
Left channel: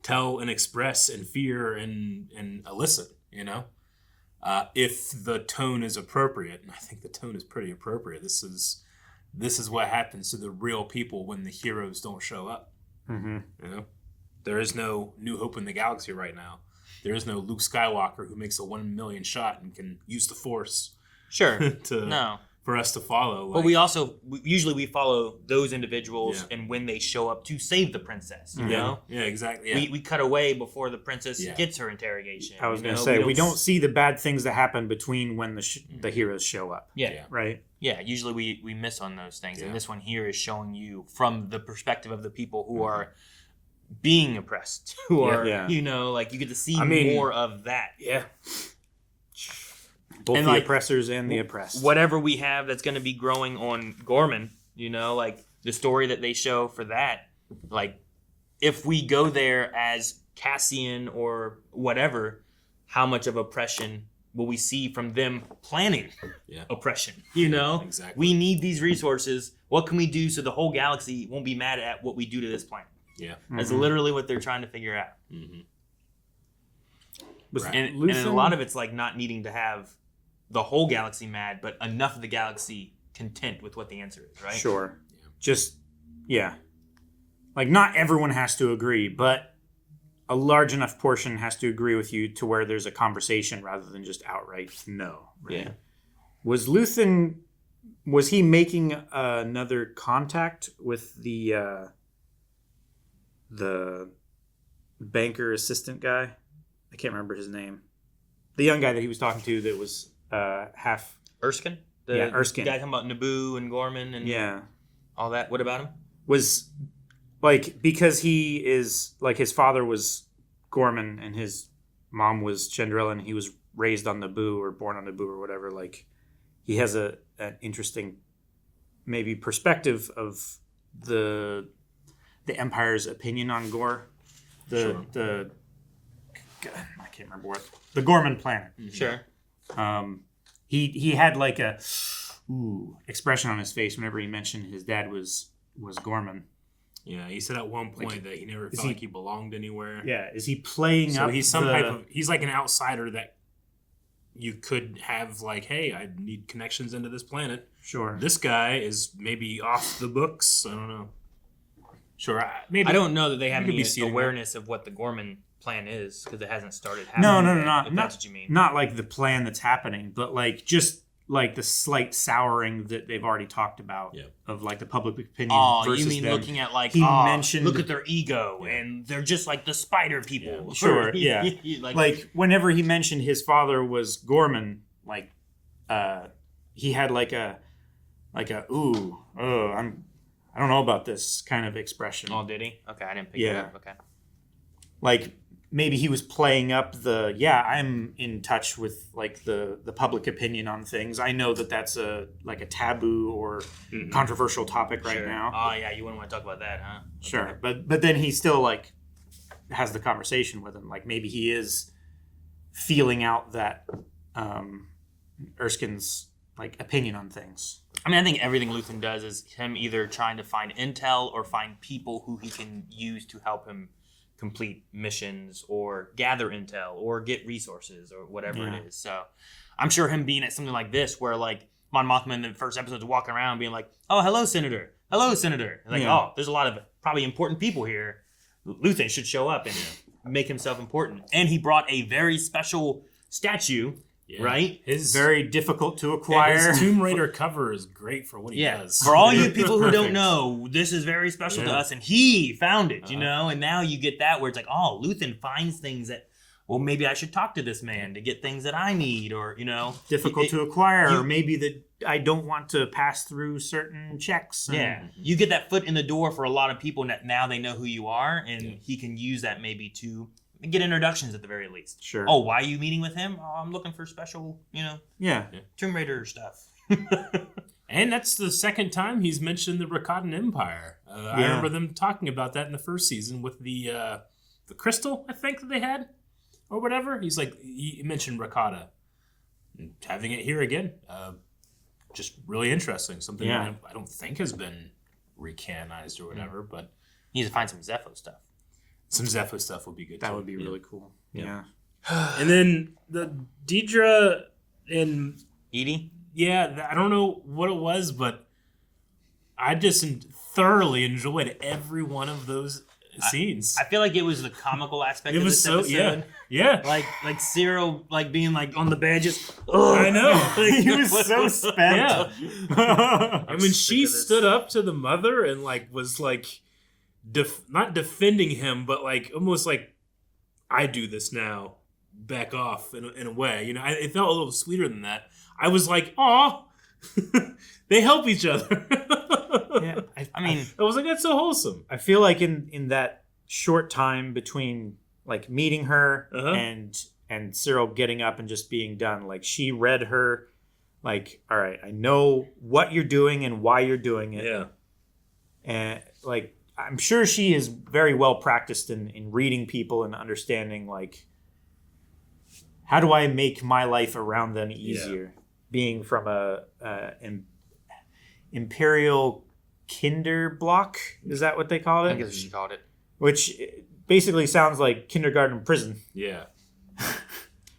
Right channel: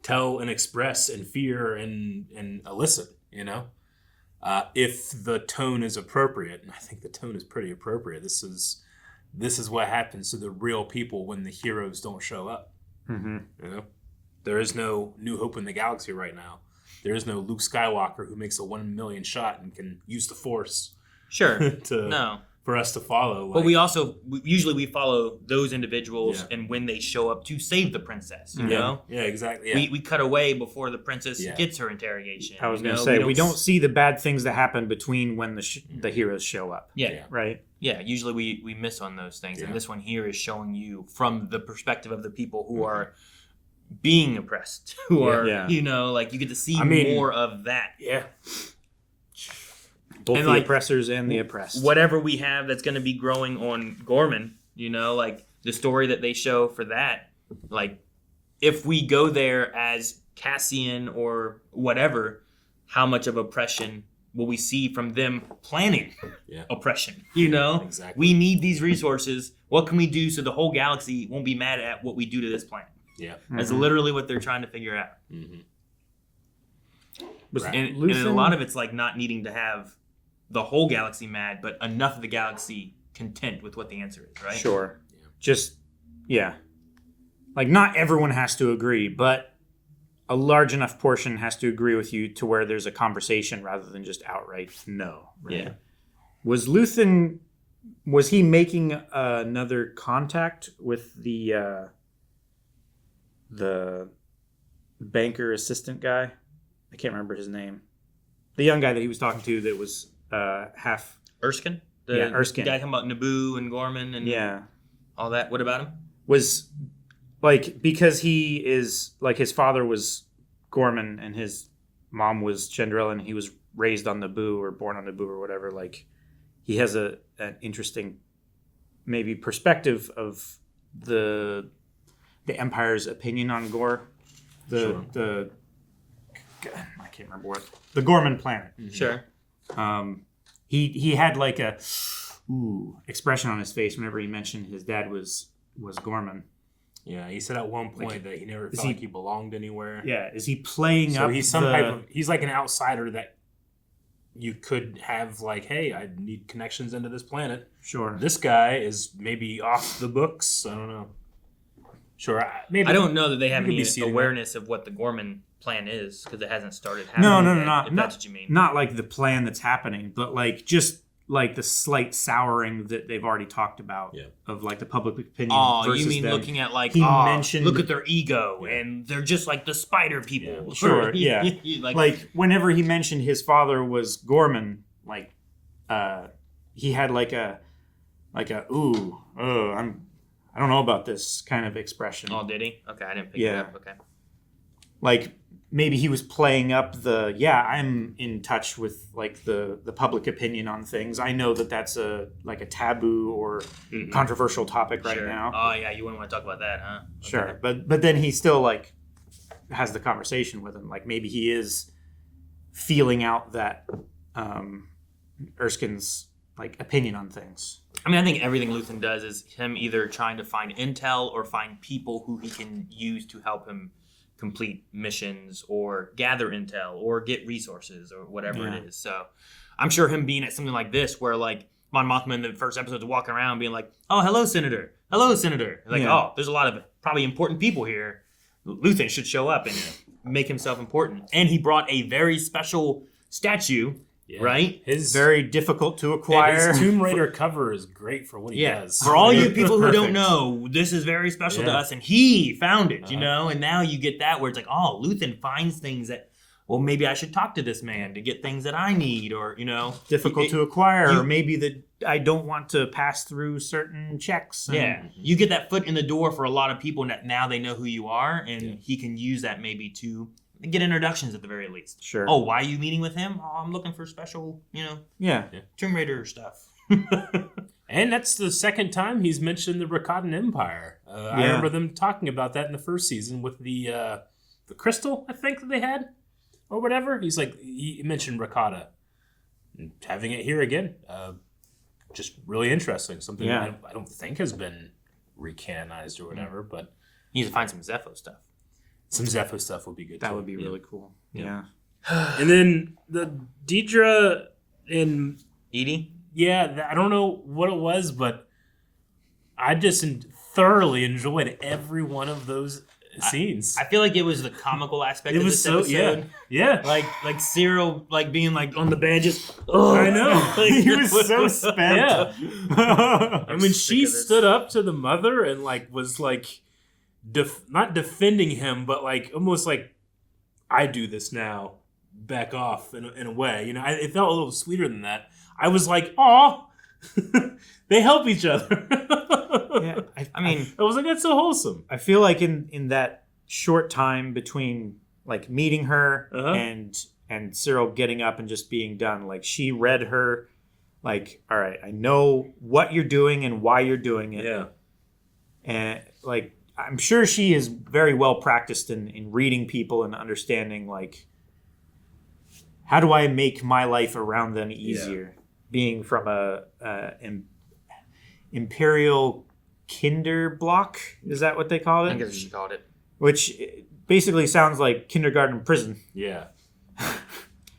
tell and express and fear and elicit. If the tone is appropriate, and I think the tone is pretty appropriate. This is what happens to the real people when the heroes don't show up. Mm-hmm. There is no New Hope in the Galaxy right now. There is no Luke Skywalker who makes a 1 million shot and can use the Force. Sure. For us to follow. But we also usually follow those individuals and when they show up to save the princess. You know? Yeah, exactly. Yeah. We cut away before the princess gets her interrogation. I was going to say we don't see the bad things that happen between when the heroes show up. Yeah. Right. Yeah. Usually we miss on those things, and this one here is showing you from the perspective of the people who are being oppressed, who are like you get to see more of that. Yeah. Both the oppressors and the oppressed. Whatever we have that's going to be growing on Gorman, like the story that they show for that, like if we go there as Cassian or whatever, how much of oppression will we see from them planning oppression? Exactly. We need these resources. What can we do so the whole galaxy won't be mad at what we do to this planet? Yeah. That's literally what they're trying to figure out. Mm-hmm. And a lot of it's like not needing to have the whole galaxy mad, but enough of the galaxy content with what the answer is, right? Sure. Yeah. Just, like not everyone has to agree, but a large enough portion has to agree with you to where there's a conversation rather than just outright no, right? Yeah. Was Luthen, was he making another contact with the banker assistant guy? I can't remember his name. The young guy that he was talking to that was half... Erskine? Erskine. The guy talking about Naboo and Gorman and all that. What about him? Was, like, because he is, like, his father was Gorman and his mom was Chandrila and he was raised on Naboo or born on Naboo or whatever, like, he has an interesting, maybe, perspective of the Empire's opinion on Gore. I can't can't remember what the Gorman planet. Sure. He had like a expression on his face whenever he mentioned his dad was Gorman. Yeah, he said at one point that he never felt like he belonged anywhere. Yeah, is he playing So up he's some type of, he's like an outsider that you could have like, hey, I need connections into this planet. Sure. This guy is maybe off the books. I don't know. Sure, maybe. I don't know that they have you could any be seeing that. awareness of what the Gorman plan is because it hasn't started happening. No, If that's what you mean. not like the plan that's happening, but like just like the slight souring that they've already talked about of like the public opinion versus you mean them. looking at like, he mentioned, look at their ego and they're just like the spider people. Sure, yeah. like whenever he mentioned his father was Gorman, like he had like a I don't know about this kind of expression. Oh, did he? Okay, I didn't pick it up. Okay. Like maybe he was playing up I'm in touch with like the public opinion on things. I know that that's a taboo or controversial topic right now. Oh yeah, you wouldn't want to talk about that, huh? Sure, but then he still like has the conversation with him. Like maybe he is feeling out that Erskine's like opinion on things. I mean, I think everything Luthen does is him either trying to find intel or find people who he can use to help him complete missions or gather intel or get resources or whatever it is. So I'm sure him being at something like this where like Mon Mothma in the first episode is walking around being like, oh, hello, Senator. Hello, Senator. Like, oh, there's a lot of probably important people here. Luthen should show up and make himself important. And he brought a very special statue, right? His very difficult to acquire. His Tomb Raider cover is great for what he does. For all you people who don't know, this is very special to us, and he found it, you know? And now you get that where it's like, oh, Luthen finds things that, well, maybe I should talk to this man to get things that I need, or, you know. Difficult to acquire, or maybe that I don't want to pass through certain checks. You get that foot in the door for a lot of people that now they know who you are, and he can use that maybe to get introductions at the very least. Sure. Oh, why are you meeting with him? Oh, I'm looking for special, you know, Tomb Raider stuff. And that's the second time he's mentioned the Rakatan Empire. I remember them talking about that in the first season with the crystal, I think, that they had, or whatever. He's like, he mentioned Rakata. Having it here again, just really interesting. Something I don't think has been recanonized or whatever, but you need to find some Zepho stuff. Some Zepho stuff would be good. That would be really cool. Yeah. And then the Dedra and Eedy. Yeah, I don't know what it was, but I just thoroughly enjoyed every one of those scenes. I feel like it was the comical aspect. It of was this episode. yeah. Like Cyril, like being like on the bed, just. I know. Like, he was so spent. Yeah. I mean, she stood up to the mother and like was like, not defending him, but like almost like, I do this now. Back off in a way, you know. It felt a little sweeter than that. I was like, "Aw, they help each other." I mean, I was like, "That's so wholesome." I feel like in that short time between like meeting her and Cyril getting up and just being done, like she read her, like, all right, I know what you're doing and why you're doing it. Yeah, and like I'm sure she is very well practiced in reading people and understanding like, how do I make my life around them easier? Being from an Imperial Kinder block, is that what they call it? I think that's what she called it. Which basically sounds like kindergarten prison. Yeah.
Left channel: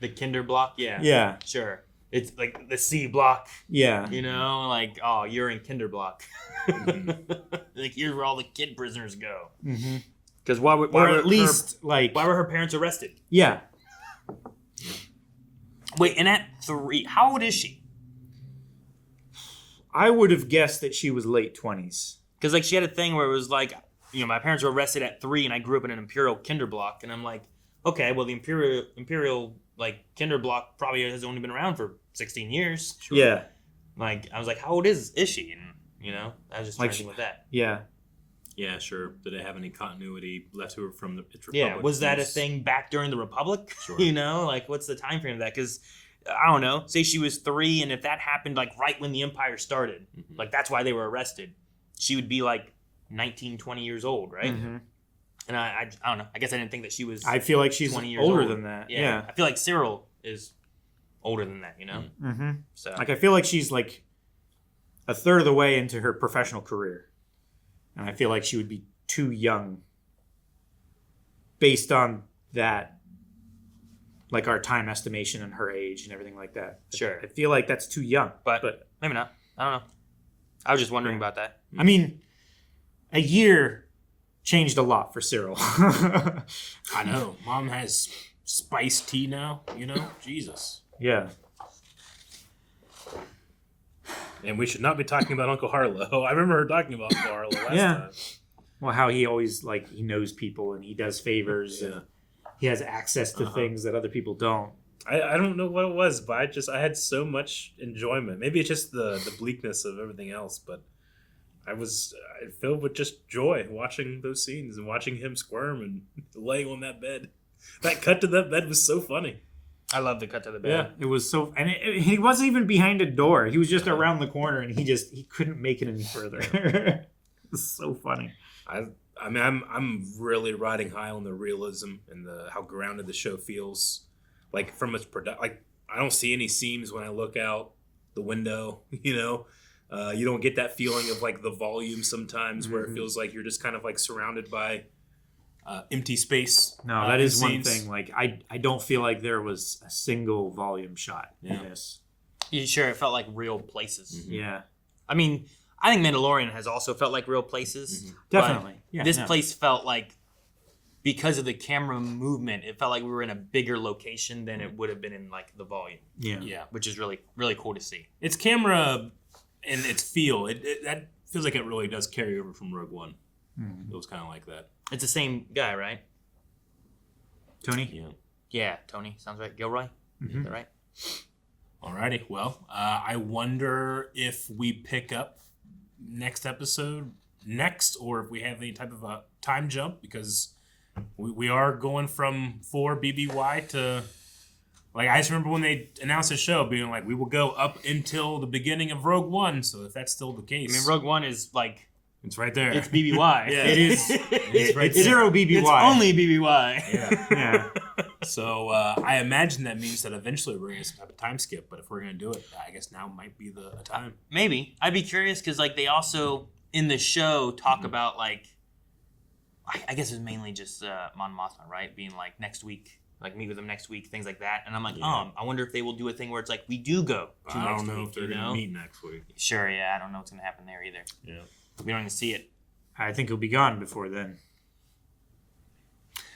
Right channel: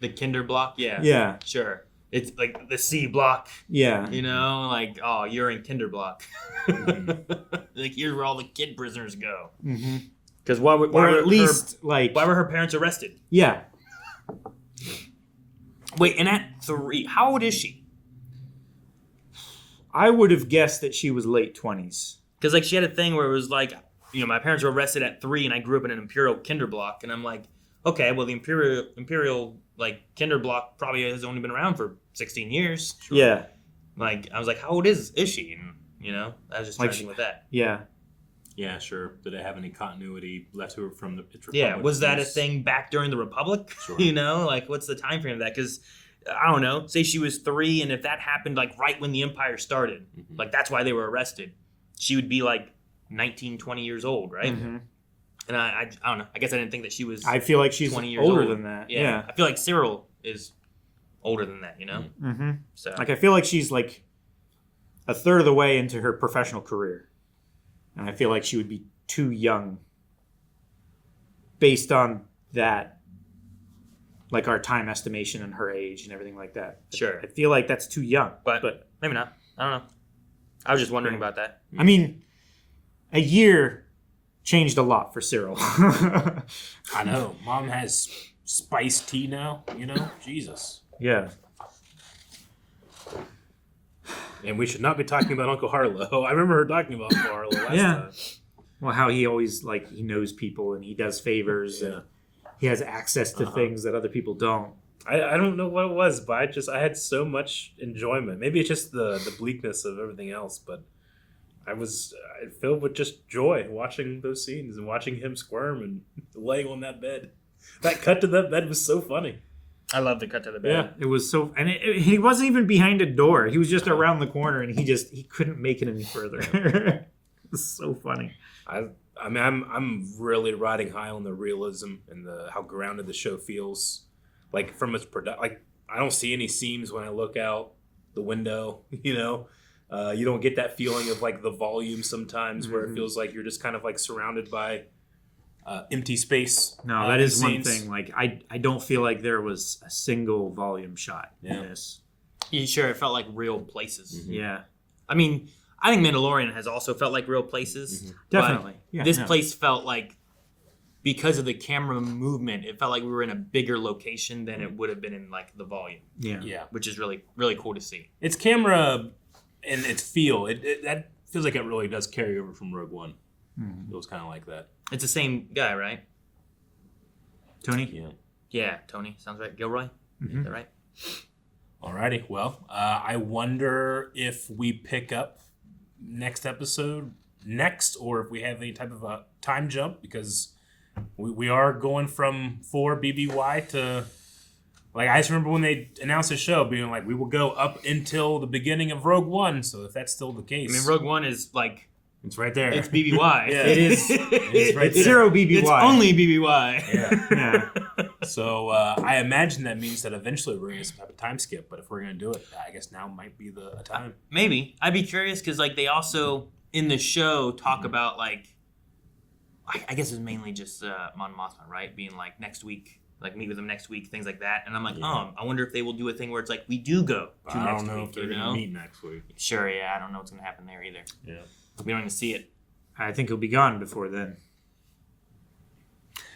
The Kinder block, yeah. Yeah. Sure. It's like the C block. Yeah. You know, like, oh, you're in Kinder block. Like, here's where all the kid prisoners go. Because why were her parents arrested? Yeah. Wait, and at 3, how old is she? I would have guessed that she was late 20s. Because like she had a thing where it was like, you know, my parents were arrested at 3, and I grew up in an Imperial Kinder block, and I'm like, okay, well the Imperial like Kinder block probably has only been around for 16 years. Sure. Yeah. Like I was like, how old is she? And you know, I was just like trying with that. Yeah. Yeah, sure. Did it have any continuity left to her from its Republic? Yeah, was that a thing back during the Republic? Sure. You know, like what's the time frame of that? Because I don't know. Say she was 3, and if that happened like right when the Empire started, like that's why they were arrested. She would be like 19, 20 years old, right? And I don't know. I guess I didn't think that she was. I feel like she's 20 years older old. than that. Yeah. I feel like Cyril is older than that. You know. Mm-hmm. So like I feel like she's like a third of the way into her professional career, and I feel like she would be too young based on that, like our time estimation and her age and everything like that. Sure. I feel like that's too young, but maybe not. I don't know. I was just wondering about that. I mean, a year changed a lot for Cyril. I know. Mom has spiced tea now, you know? Jesus. Yeah. And we should not be talking about Uncle Harlow. I remember her talking about Uncle Harlow last time. Well, how he always, like, he knows people and he does favors and he has access to things that other people don't. I don't know what it was, but I had so much enjoyment. Maybe it's just the bleakness of everything else, but I filled with just joy watching those scenes and watching him squirm and laying on that bed. That cut to that bed was so funny. I love the cut to the bed. Yeah, it was so, and he wasn't even behind a door. He was just around the corner, and he couldn't make it any further. It was so funny. I mean, I'm really riding high on the realism and how grounded the show feels. Like from its like I don't see any seams when I look out the window. You know, you don't get that feeling of like the volume sometimes where it feels like you're just kind of like surrounded by empty space. No, that is one thing. Like I don't feel like there was a single volume shot in this. You sure it felt like real places? Mm-hmm. Yeah. I mean, I think Mandalorian has also felt like real places. Mm-hmm. Definitely. Yeah. This place felt like, because of the camera movement, it felt like we were in a bigger location than it would have been in like the volume. Yeah. Yeah. Which is really, really cool to see. Its camera and its feel, that feels like it really does carry over from Rogue One. Mm-hmm. It was kind of like that. It's the same guy, right? Tony? Yeah. Yeah, Tony. Sounds right. Gilroy? Mm-hmm. Is that right? Alrighty. Well, I wonder if we pick up next episode next, or if we have any type of a time jump, because we are going from 4 BBY to, like, I just remember when they announced the show being like, we will go up until the beginning of Rogue One. So if that's still the case, I mean, Rogue One is like, it's right there. it's BBY. Yeah. It is. It's 0 BBY. It's only BBY. Yeah. Yeah. So I imagine that means that eventually we're going to get some type of time skip. But if we're going to do it, I guess now might be the time. Maybe. I'd be curious because, like, they also in the show talk about, like, I guess it's mainly just Mon Mothma, right? Being like, next week, like, meet with them next week, things like that. And I'm like, I wonder if they will do a thing where it's like, we do go to I next don't know week, if they're going to meet next week. Sure, yeah. I don't know what's going to happen there either. Yeah. We don't even see it. I think he'll be gone before then.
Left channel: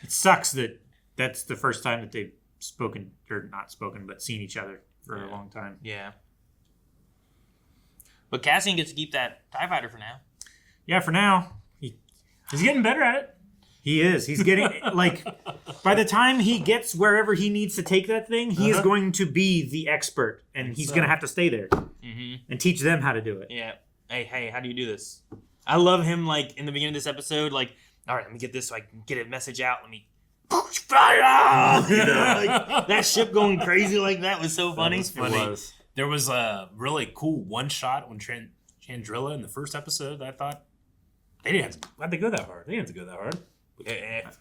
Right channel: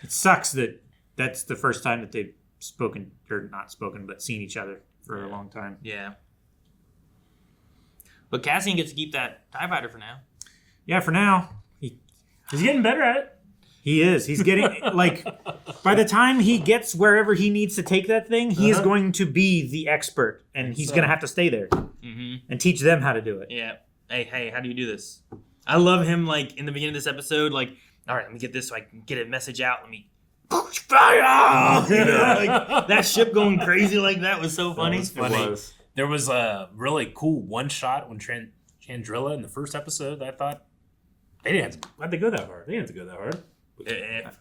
It sucks that that's the first time that they've spoken, or not spoken, but seen each other for a long time. Yeah. But Cassian gets to keep that TIE fighter for now. Yeah, for now. He's getting better at it. He is. He's getting, like, by the time he gets wherever he needs to take that thing, he is going to be the expert, and he's going to have to stay there and teach them how to do it. Yeah. Hey, how do you do this? I love him, like, in the beginning of this episode, like, all right, let me get this so I can get a message out. Let me fire! You know, like, that ship going crazy like that was so funny. That was funny. There was a really cool one shot when Chandrilla in the first episode that I thought, why'd they go that hard? They didn't have to go that hard.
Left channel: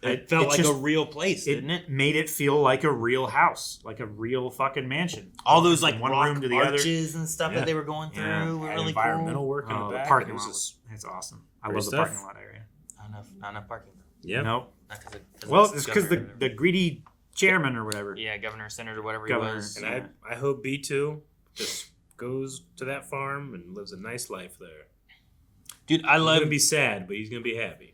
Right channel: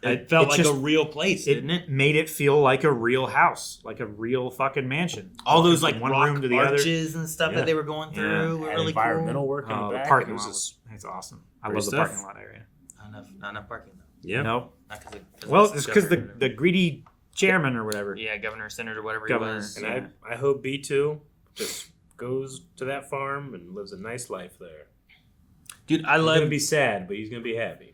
It felt like a real place, didn't it? Made it feel like a real house, like a real fucking mansion. All those like one rock room to the arches other. and stuff that they were going through were really environmental cool. work in the back. The parking lot that's awesome. I love the parking lot area. Not enough parking though. Yeah. No. Cause well, it's because the greedy chairman or whatever. Yeah, governor, senator, whatever Governor, he was. And I hope B2 just goes to that farm and lives a nice life there. Dude, He's going to be sad, but he's going to be happy.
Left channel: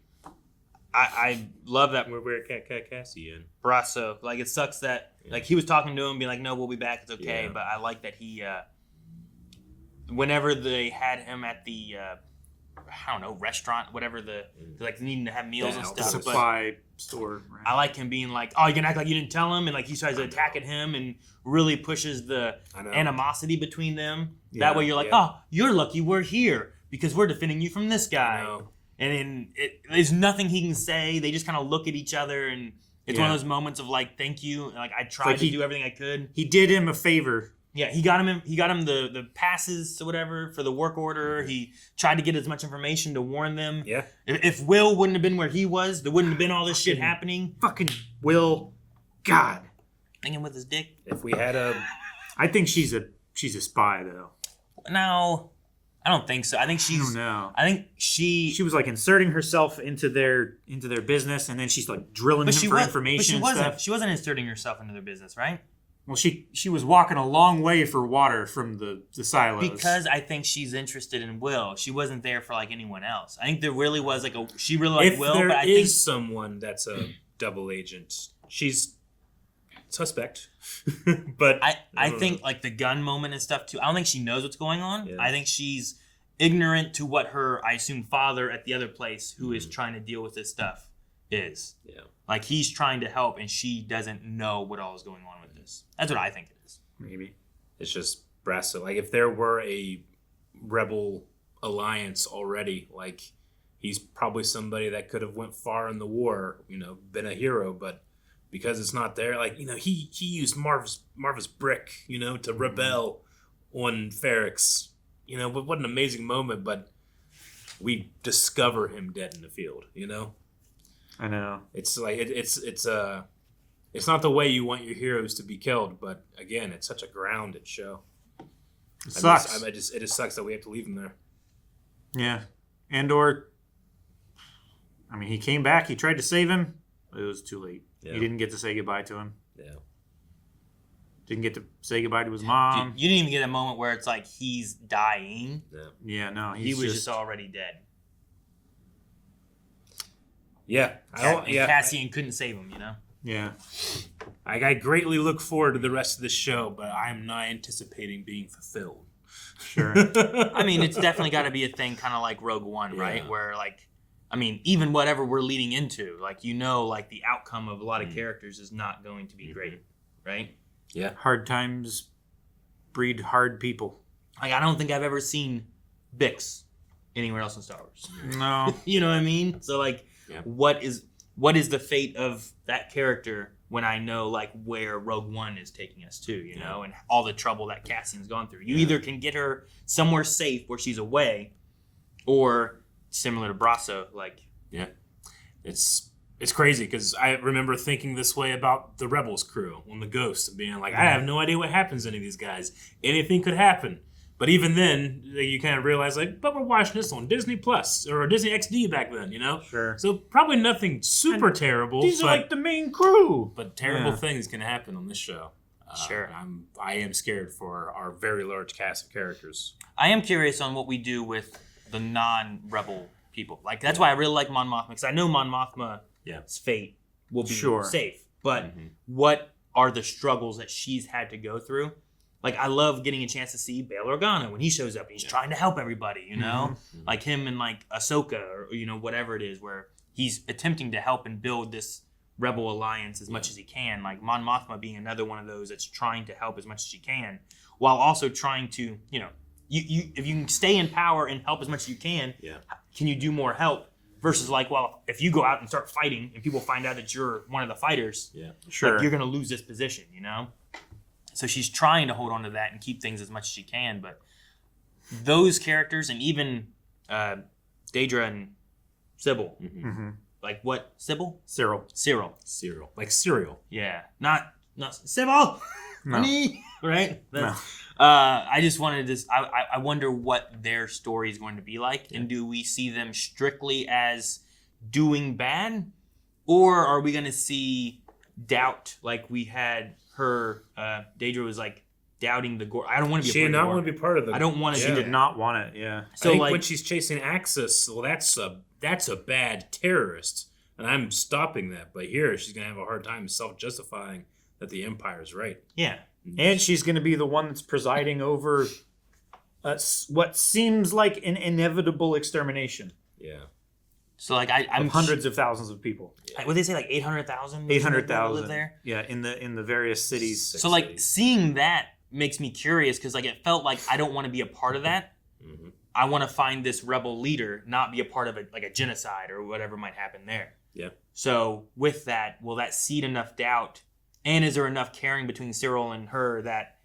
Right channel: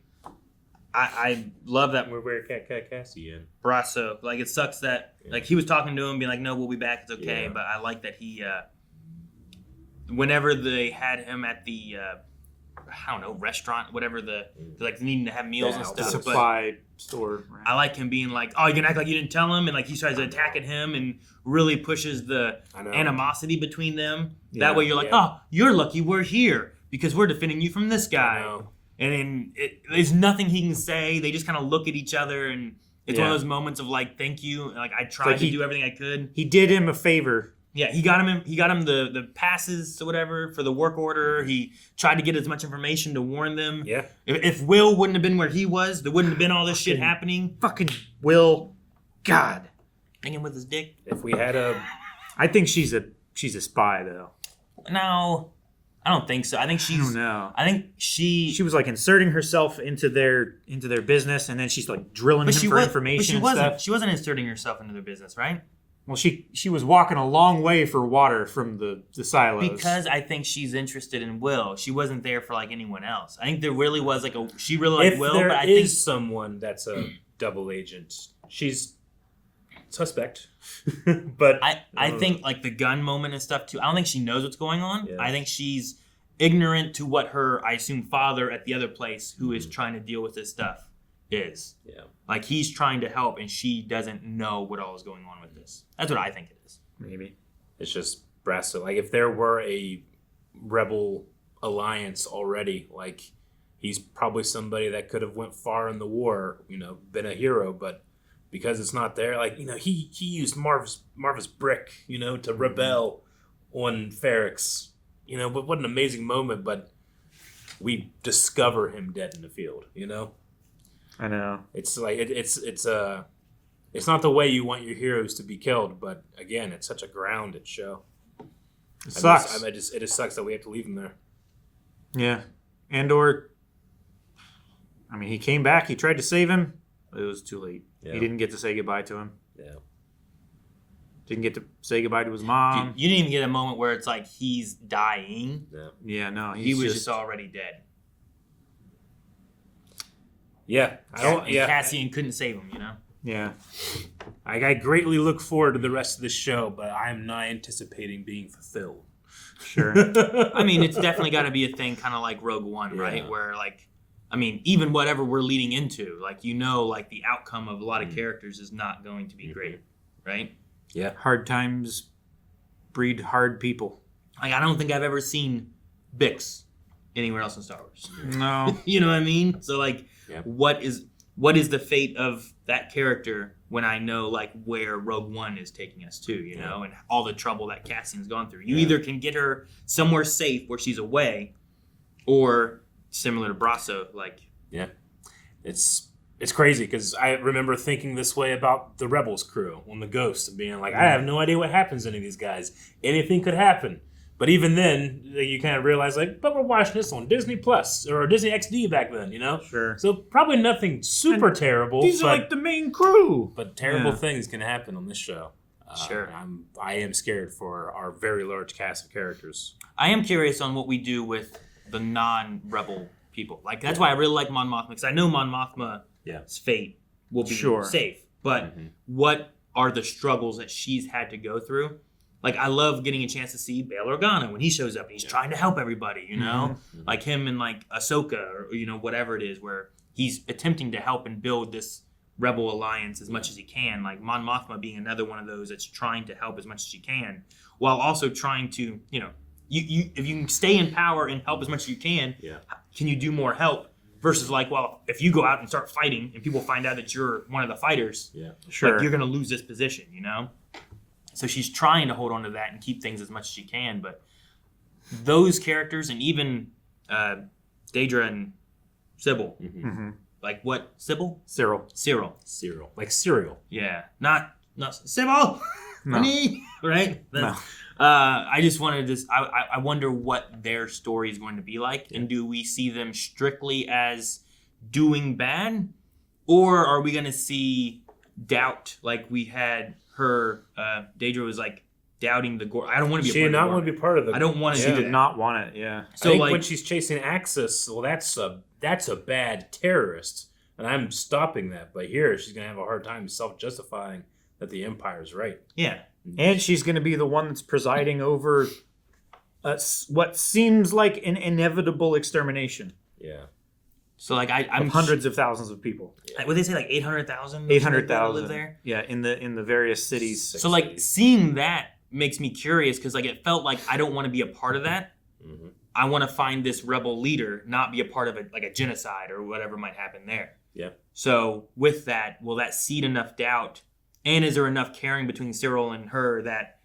I love that. Where Cassie in. Brasso. Like, it sucks that, like, he was talking to him, being like, no, we'll be back, it's okay. But I like that he, whenever they had him at the, I don't know, restaurant, whatever, like, needing to have meals and stuff. The supply store. Right. I like him being like, oh, you can act like you didn't tell him, and, like, he starts attacking him and really pushes the animosity between them. That way you're like, oh, you're lucky we're here because we're defending you from this guy. And there's nothing he can say. They just kind of look at each other, and it's one of those moments of like, thank you. Like, I tried to do everything I could. He did him a favor Yeah, he got him the passes or whatever for the work order. He tried to get as much information to warn them. Yeah. If Will wouldn't have been where he was, there wouldn't have been all this shit happening. Fucking Will. God. Thinking with his dick. If we had a... I think she's a spy, though. No, I don't think so. I think she's... I don't know. I think she was like inserting herself into their business, and then she's like drilling him for information and stuff. She wasn't inserting herself into their business, right? Well, she was walking a long way for water from the silos. Because I think she's interested in Will. She wasn't there for like anyone else. I think there really was like she really liked Will. If there but I is think, someone that's a double agent, she's suspect. But I think like the gun moment and stuff too. I don't think she knows what's going on. Yeah. I think she's ignorant to what her, I assume, father at the other place who is trying to deal with this stuff is. Yeah. Like he's trying to help and she doesn't know what all is going on with this. That's what I think it is. Maybe. It's just Brasso. Like if there were a rebel alliance already, like he's probably somebody that could have went far in the war, been a hero, but because it's not there, like, he used Marva's brick, to rebel on Ferrix. But what an amazing moment, but we discover him dead in the field, I know. It's like it's not the way you want your heroes to be killed, but again, it's such a grounded show. It sucks. It just sucks that we have to leave him there. Yeah. Andor, I mean, he came back, he tried to save him, but it was too late. Yeah. He didn't get to say goodbye to him. Yeah. Didn't get to say goodbye to his mom. You didn't even get a moment where it's like he's dying. Yeah. Yeah, no, he was just already dead. Yeah. Cassian couldn't save him, Yeah. I greatly look forward to the rest of the show, but I'm not anticipating being fulfilled. Sure. I mean, it's definitely got to be a thing kind of like Rogue One, right? Where like, I mean, even whatever we're leading into, like, like the outcome of a lot of characters is not going to be great, right? Yeah. Hard times breed hard people. Like, I don't think I've ever seen Bix anywhere else in Star Wars. No. You know what I mean? So, like, what is the fate of that character when I know, like, where Rogue One is taking us to, and all the trouble that Cassian's gone through? You either can get her somewhere safe where she's away, or similar to Brasso, like... Yeah. It's crazy, because I remember thinking this way about the Rebels crew on the Ghost, and being like, I have no idea what happens to any of these guys. Anything could happen. But even then, you kind of realize, like, but we're watching this on Disney Plus, or Disney XD back then, Sure. So probably nothing super terrible. These are like the main crew. But terrible things can happen on this show. Sure. I am scared for our very large cast of characters. I am curious on what we do with the non-rebel people. Like, that's why I really like Mon Mothma, because I know Mon Mothma's fate will be safe. But what are the struggles that she's had to go through? Like, I love getting a chance to see Bail Organa when he shows up and he's trying to help everybody, Like him and, like, Ahsoka or, whatever it is, where he's attempting to help and build this rebel alliance as much as he can. Like, Mon Mothma being another one of those that's trying to help as much as she can, while also trying to, you if you can stay in power and help as much as you can, can you do more help? Versus like, well, if you go out and start fighting and people find out that you're one of the fighters, sure, like, you're going to lose this position, So she's trying to hold on to that and keep things as much as she can. But those characters, and even Dedra and Sybil, like what? Sybil? Cyril. Like cereal. Yeah. Not Sybil! No. Honey! Right? No. I just wanted to. I wonder what their story is going to be like, and do we see them strictly as doing bad, or are we going to see doubt like we had her? Dedra was like doubting the gore. I don't want to be. She did not want to be part of the. I don't want to. She did not want it. Yeah. So I think like, when she's chasing Axis, well, that's a bad terrorist, and I'm stopping that. But here, she's gonna have a hard time self-justifying that the Empire's right. Yeah. And she's going to be the one that's presiding over what seems like an inevitable extermination. Yeah. So like I'm hundreds of thousands of people. What they say, like 800,000. 800,000 live there. Yeah, in the various cities. So like seeing that makes me curious, because like it felt like I don't want to be a part of that. Mm-hmm. I want to find this rebel leader, not be a part of it, like a genocide or whatever might happen there. Yeah. So with that, will that seed enough doubt? And is there enough caring between Cyril and her that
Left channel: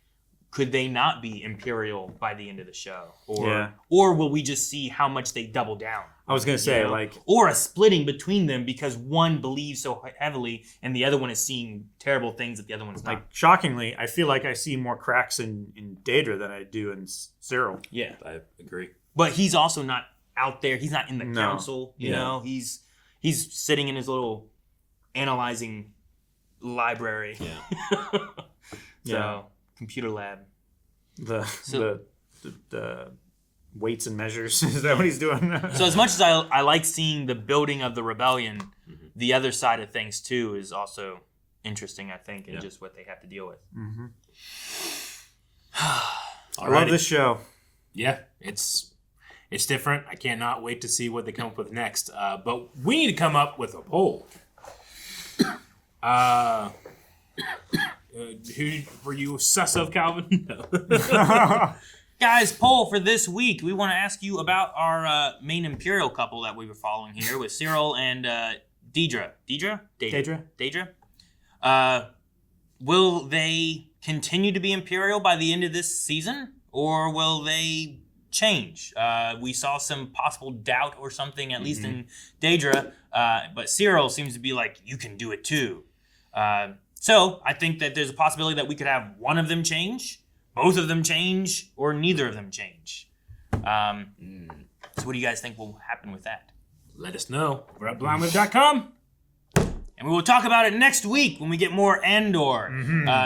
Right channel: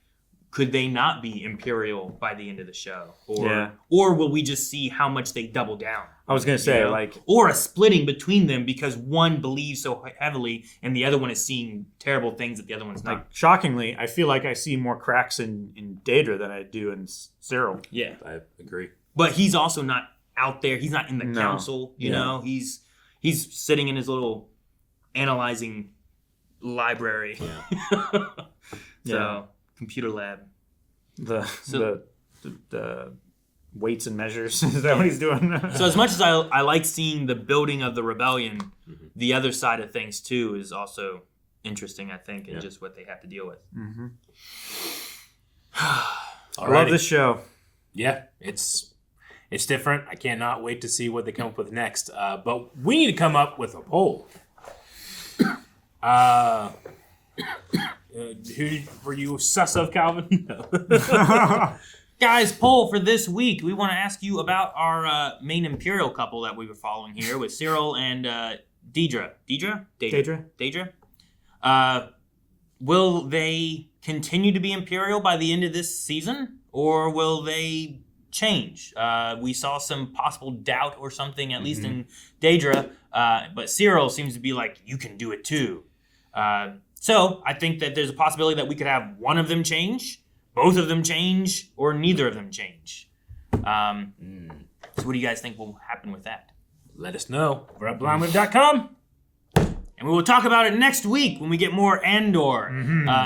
could they not be Imperial by the end of the show? Yeah. Or will we just see how much they double down? I was gonna say, You know? like, or a splitting between them because one believes so heavily and the other one is seeing terrible things that the other one's not. like shockingly, I feel like I see more cracks in Dedra than I do in Cyril. Yeah. I agree. But he's also not out there. He's not in the No. council. You Yeah. know, he's sitting in his little analyzing library. Yeah. So Yeah. computer lab. The So- the weights and measures. Is that what he's doing? So as much as I like seeing the building of the rebellion, the other side of things too is also interesting, I think, and just what they have to deal with. Mm-hmm. I Alrighty. love this show. Yeah, it's different. I cannot wait to see what they come up with next. But we need to come up with a poll. Who were you sus of, Calvin? No. Guys, poll for this week. We want to ask you about our main Imperial couple that we were following here with Cyril and Dedra. Dedra? Will they continue to be Imperial by the end of this season? Or will they change? We saw some possible doubt or something, at least in Dedra. But Cyril seems to be like, you can do it too. So I think that there's a possibility that we could have one of them change, both of them change, or neither of them change. So what do you guys think will happen with that? Let us know. We're at blindwave.com. And we will talk about it next week when we get more Andor.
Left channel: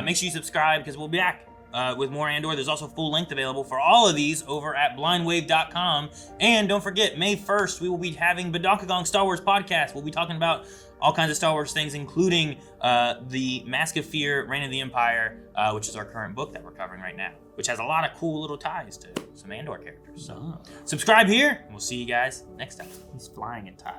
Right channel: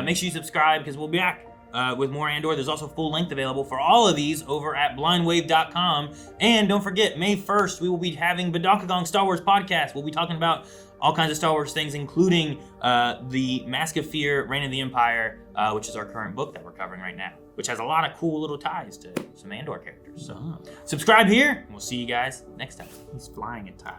Make sure you subscribe because we'll be back with more Andor. There's also full length available for all of these over at blindwave.com. And don't forget, May 1st, we will be having Badakagong Star Wars podcast. We'll be talking about all kinds of Star Wars things, including the Mask of Fear, Reign of the Empire, which is our current book that we're covering right now, which has a lot of cool little ties to some Andor characters. So subscribe here, and we'll see you guys next time. He's flying a tie.